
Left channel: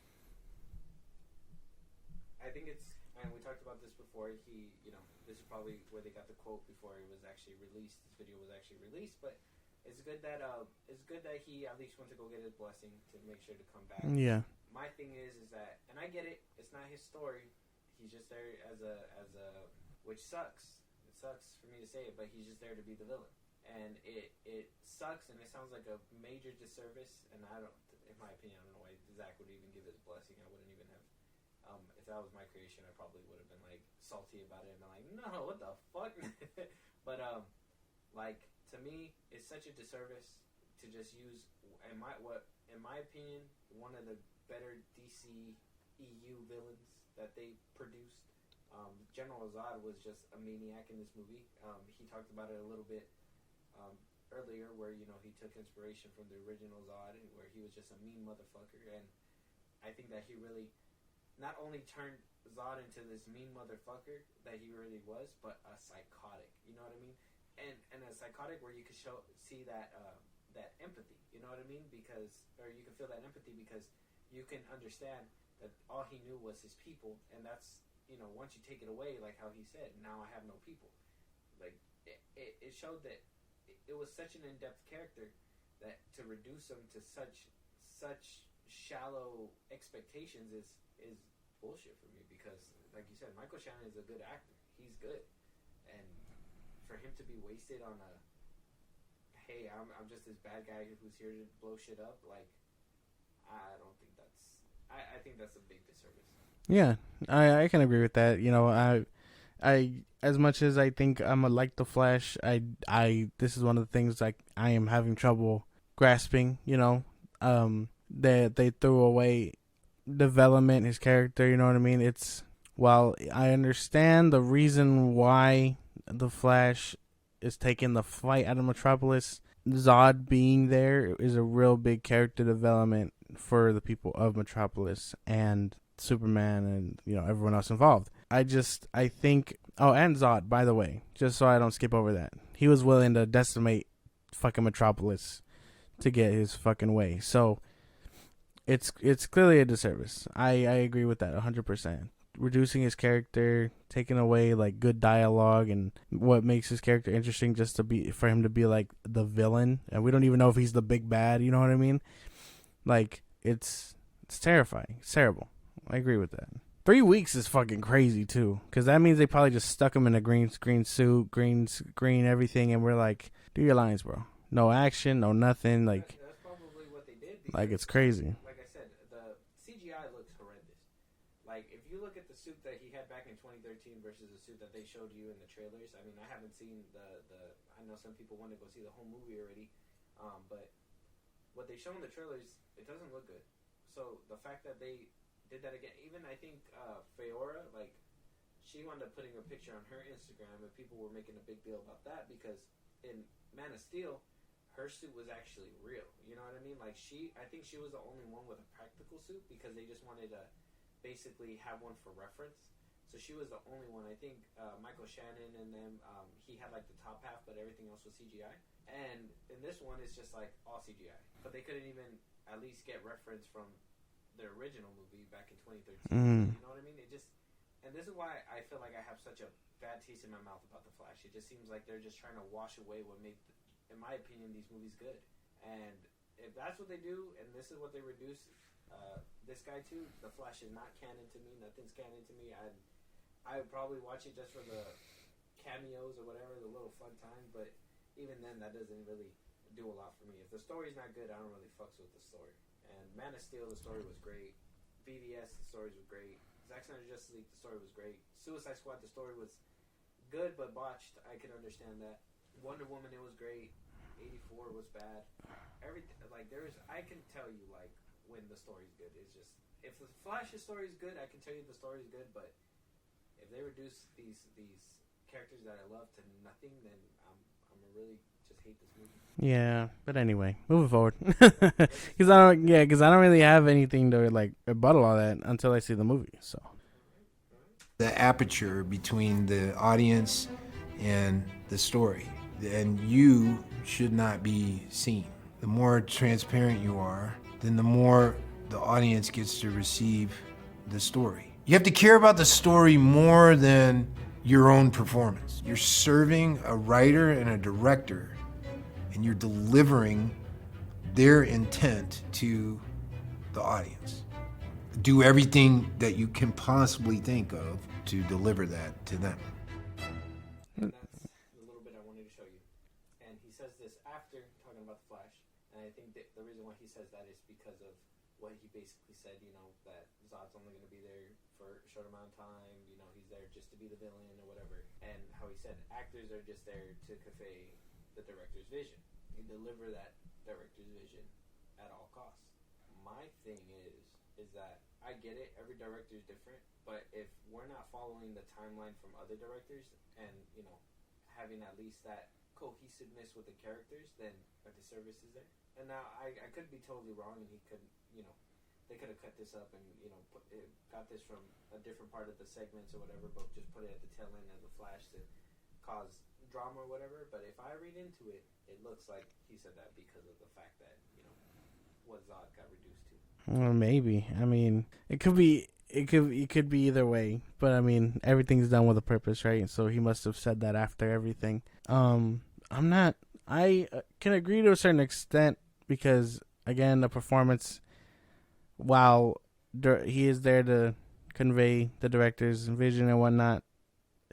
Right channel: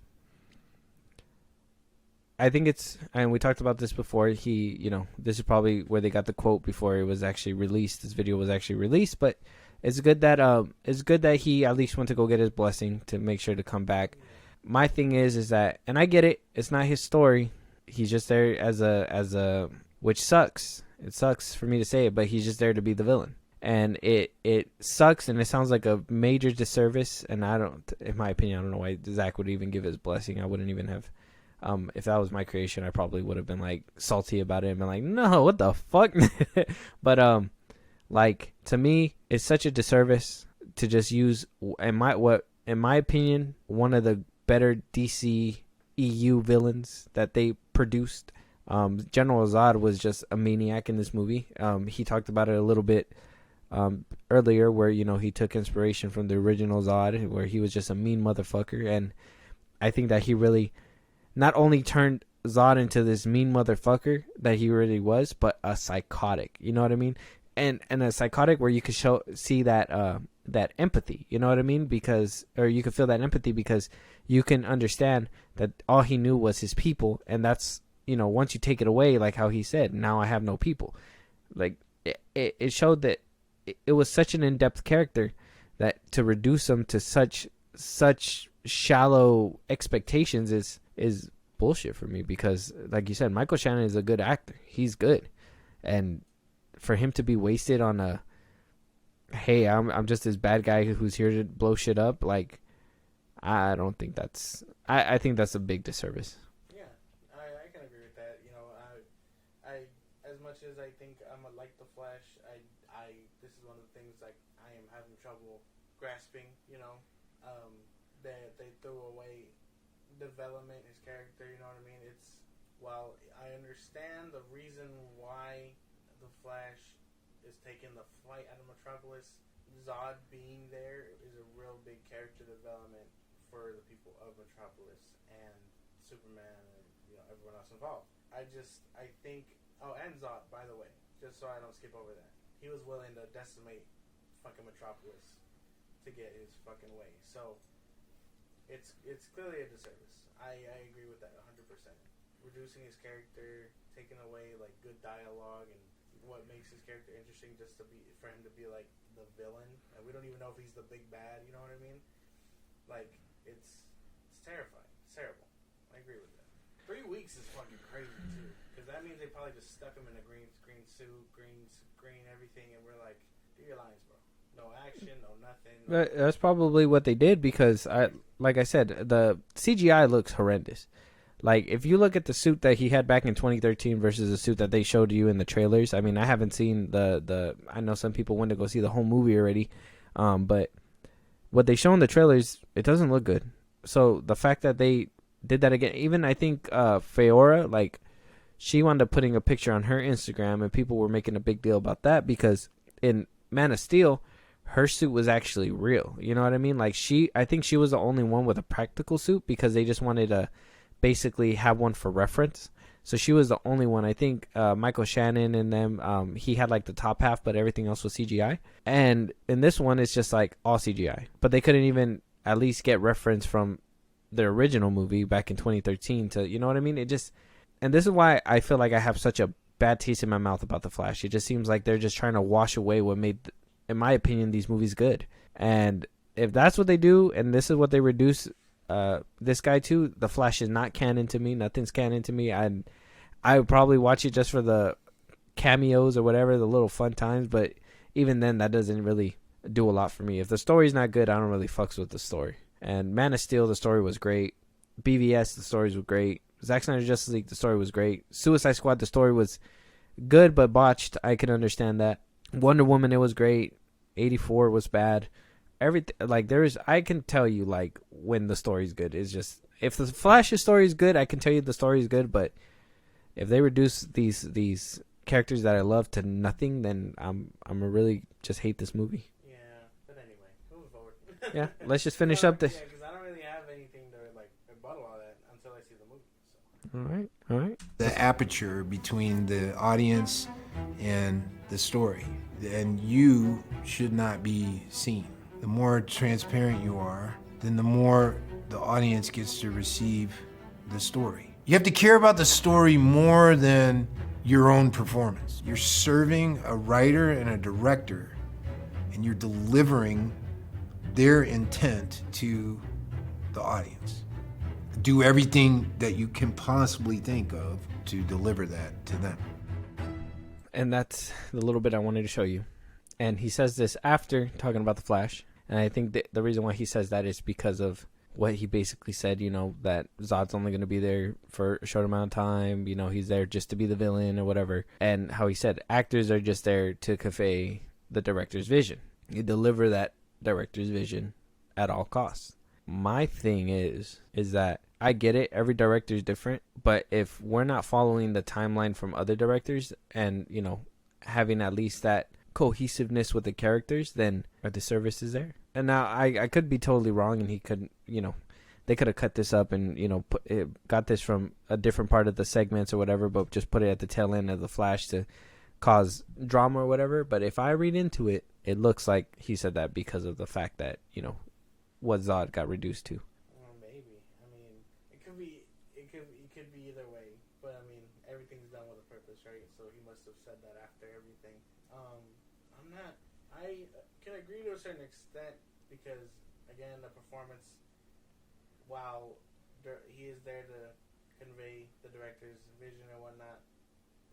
I think it's, and we talked about this before, you know, this is probably where they got the quote before it was actually released. This video was actually released, but it's good that he at least went to go get his blessing to make sure to come back. Yeah. My thing is that, and I get it, it's not his story. He's just there as a, which sucks. It sucks for me to say it, but he's just there to be the villain. And it sucks, and it sounds like a major disservice. And in my opinion, I don't know why Zack would even give his blessing. I wouldn't even have, if that was my creation, I probably would have been like salty about it and been like, no, what the fuck? But like, to me, it's such a disservice to just use, in my opinion, one of the better DC EU villains that they produced. General Zod was just a maniac in this movie. He talked about it a little bit earlier, where, you know, he took inspiration from the original Zod, where he was just a mean motherfucker. And I think that he really not only turned Zod into this mean motherfucker that he really was, but a psychotic. You know what I mean? And a psychotic where you could see that that empathy. You know what I mean? Or you could feel that empathy because you can understand that all he knew was his people, and that's, you know, once you take it away, like how he said, now I have no people. Like, it showed that it was such an in-depth character that to reduce him to such shallow expectations is bullshit for me, because, like you said, Michael Shannon is a good actor. He's good. And for him to be wasted on a, hey, I'm just this bad guy who's here to blow shit up, like, I don't think that's... I think that's a big disservice. Yeah, I can agree with that. You know, I as much as I think I'm like the Flash, I this is one of the things like I am having trouble grasping. You know, that they threw away development, his character. You know what I mean? It's, while I understand the reason why the Flash is taking the fight out of Metropolis, Zod being there is a real big character development for the people of Metropolis and Superman and, you know, everyone else involved. I think. Oh, and Zod, by the way, just so I don't skip over that, he was willing to decimate fucking Metropolis to get his fucking way. So it's clearly a disservice. I agree with that 100%. Reducing his character, taking away like good dialogue and what makes his character interesting, just to be for him to be like the villain, and we don't even know if he's the big bad. You know what I mean? Like it's terrifying. It's terrible. I agree with that. 3 weeks is fucking crazy too, because that means they probably just stuck him in a green screen suit, green everything, and we're like, do your lines, bro. No action, no nothing. Like, that's probably what they did because, like, it's crazy. Like I said, the CGI looks horrendous. Like, if you look at the suit that he had back in 2013 versus the suit that they showed you in the trailers, I mean, I haven't seen I know some people went to go see the whole movie already, but what they show in the trailers, it doesn't look good. So the fact that they did that again, even I think Feora, like, she wound up putting a picture on her Instagram, and people were making a big deal about that because in Man of Steel, her suit was actually real. You know what I mean? Like, I think she was the only one with a practical suit because they just wanted to basically have one for reference. So she was the only one. I think Michael Shannon and them, he had like the top half, but everything else was CGI. And in this one, it's just like all CGI. But they couldn't even at least get reference from the original movie back in 2013 to, you know what I mean? It just, and this is why I feel like I have such a bad taste in my mouth about The Flash. It just seems like they're just trying to wash away what made, in my opinion, these movies good. And if that's what they do, and this is what they reduce this guy to, The Flash is not canon to me. Nothing's canon to me. I would probably watch it just for the cameos or whatever, the little fun times. But even then, that doesn't really do a lot for me. If the story's not good, I don't really fucks with the story. And Man of Steel, the story was great. BVS, the stories were great. Zack Snyder's Justice League, the story was great. Suicide Squad, the story was good but botched. I can understand that. Wonder Woman, it was great. 84 was bad. Everything, like, I can tell you, like, when the story's good. It's just, if the Flash's story is good, I can tell you the story is good. But if they reduce these characters that I love to nothing, then I'm gonna really just hate this movie. Yeah, but anyway, moving forward. Yeah, let's just finish up. Yeah, because I don't really have anything to like rebuttal all that until I see the movie. So, all right. The aperture between the audience and the story, and you should not be seen. The more transparent you are, then the more the audience gets to receive the story. You have to care about the story more than your own performance. You're serving a writer and a director, and you're delivering their intent to the audience. Do everything that you can possibly think of to deliver that to them. And that's the little bit I wanted to show you. And he says this after talking about the Flash. And I think the reason why he says that is because of what he basically said, you know, that Zod's only going to be there for a short amount of time. You know, he's there just to be the villain or whatever. And how he said actors are just there to convey the director's vision. You deliver that director's vision at all costs. My thing is that I get it. Every director is different. But if we're not following the timeline from other directors and, you know, having at least that cohesiveness with the characters, then our disservice is there. And now I could be totally wrong, and he could, you know, they could have cut this up and, you know, got this from a different part of the segments or whatever, but just put it at the tail end of the Flash to cause drama or whatever. But if I read into it, it looks like he said that because of the fact that, you know, what Zod got reduced to. Well, maybe. I mean, it could be either way. But I mean, everything's done with a purpose, right? So he must have said that after everything. I can agree to a certain extent because, again, the performance, while he is there to convey the director's vision and whatnot,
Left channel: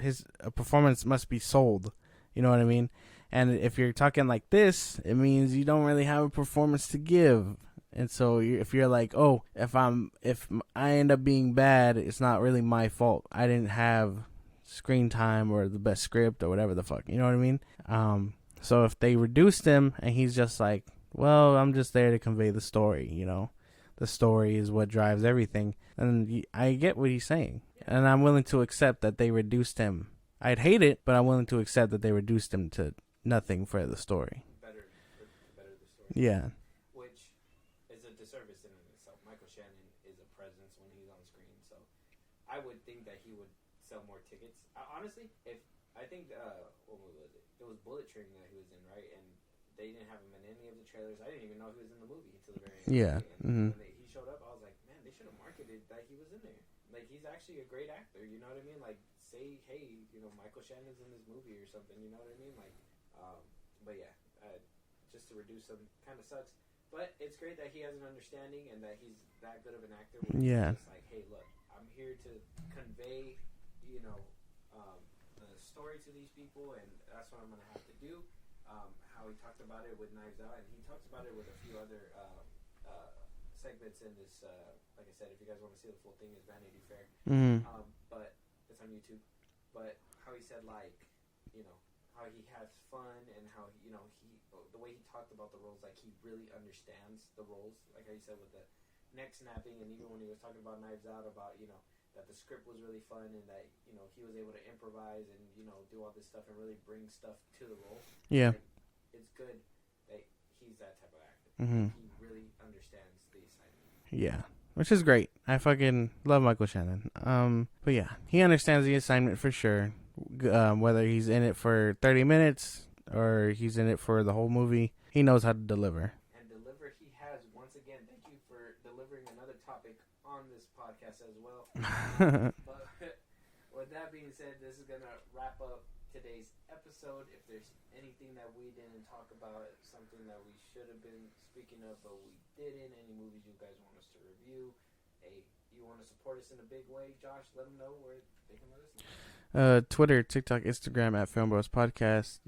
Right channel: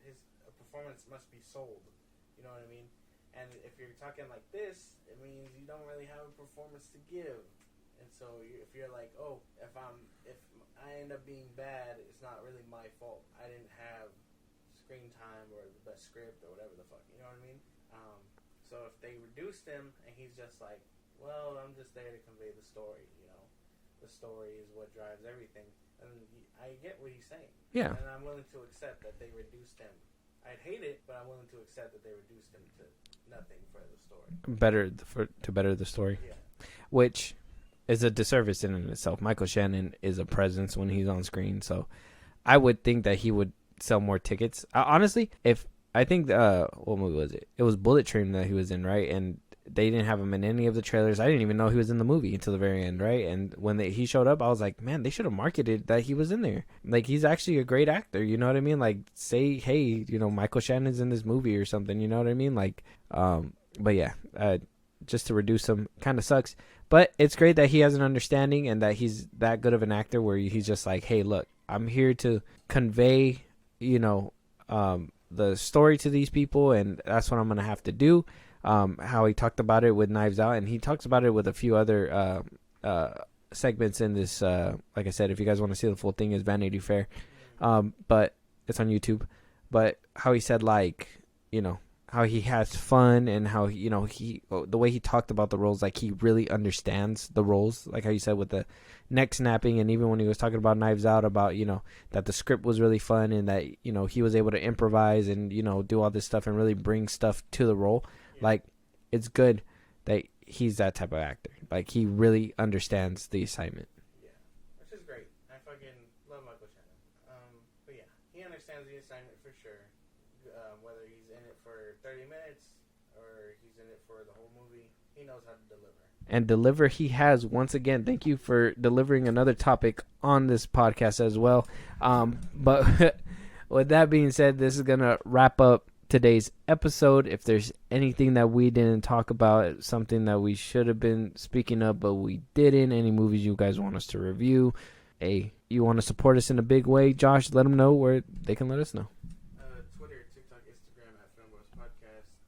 his performance must be sold. You know what I mean? And if you're talking like this, it means you don't really have a performance to give. And so if you're like, oh, if I end up being bad, it's not really my fault. I didn't have screen time or the best script or whatever the fuck. You know what I mean? So if they reduced him and he's just like, well, I'm just there to convey the story, you know, the story is what drives everything. And I get what he's saying. Yeah. And I'm willing to accept that they reduced him. I'd hate it, but I'm willing to accept that they reduced him to nothing for the story. To better the story. Yeah. Which is a disservice in and itself. Michael Shannon is a presence when he's on screen. So I would think that he would sell more tickets. Honestly, if I think what movie was it? It was Bullet Train that he was in, right? And they didn't have him in any of the trailers. I didn't even know he was in the movie until the very end, right? And when he showed up, I was like, man, they should have marketed that he was in there. Like, he's actually a great actor, you know what I mean? Like, say, hey, you know, Michael Shannon's in this movie or something, you know what I mean? Like, but yeah, just to reduce him kind of sucks. But it's great that he has an understanding and that he's that good of an actor where he's just like, hey, look, I'm here to convey, you know, the story to these people, and that's what I'm going to have to do. How he talked about it with Knives Out, and he talks about it with a few other segments in this. Like I said, if you guys want to see the full thing, is Vanity Fair, but it's on YouTube. But how he said, like, you know, how he has fun and how, you know, the way he talked about the roles, like he really understands the roles, like how you said with the neck snapping, and even when he was talking about Knives Out, about, you know, that the script was really fun and that, you know, he was able to improvise and, you know, do all this stuff and really bring stuff to the role. Like, it's good that he's that type of actor. Like, he really understands the assignment. Which is great. I fucking love Michael Shannon. But yeah, he understands the assignment for sure. Whether he's in it for 30 minutes or he's in it for the whole movie, he knows how to deliver. And deliver he has. Once again, thank you for delivering another topic on this podcast as well. But with that being said, this is going to wrap up today's episode. If there's anything that we didn't talk about, something that we should have been speaking of but we didn't, any movies you guys want us to review, you want to support us in a big way, Josh, let them know where they can let us know. Twitter, TikTok, Instagram at FilmBros Podcast.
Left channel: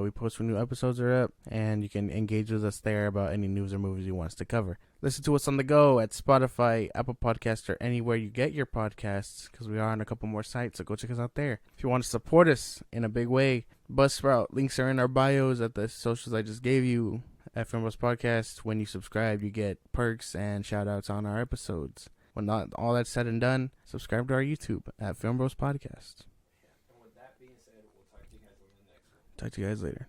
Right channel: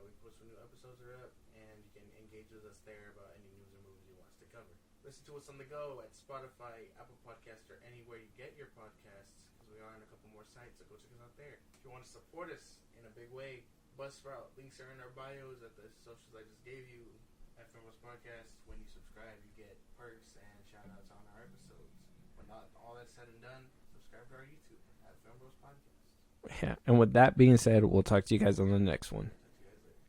We post when new episodes are up, and you can engage with us there about any news or movies you want us to cover. Listen to us on the go at Spotify, Apple Podcasts, or anywhere you get your podcasts, because we are on a couple more sites, so go check us out there. If you want to support us in a big way, Buzzsprout, links are in our bios at the socials I just gave you at FilmBros Podcast. When you subscribe, you get perks and shout-outs on our episodes. When not all that's said and done, subscribe to our YouTube at FilmBros Podcast. Yeah, and with that being said, we'll talk to you guys on the next one. Talk to you guys later.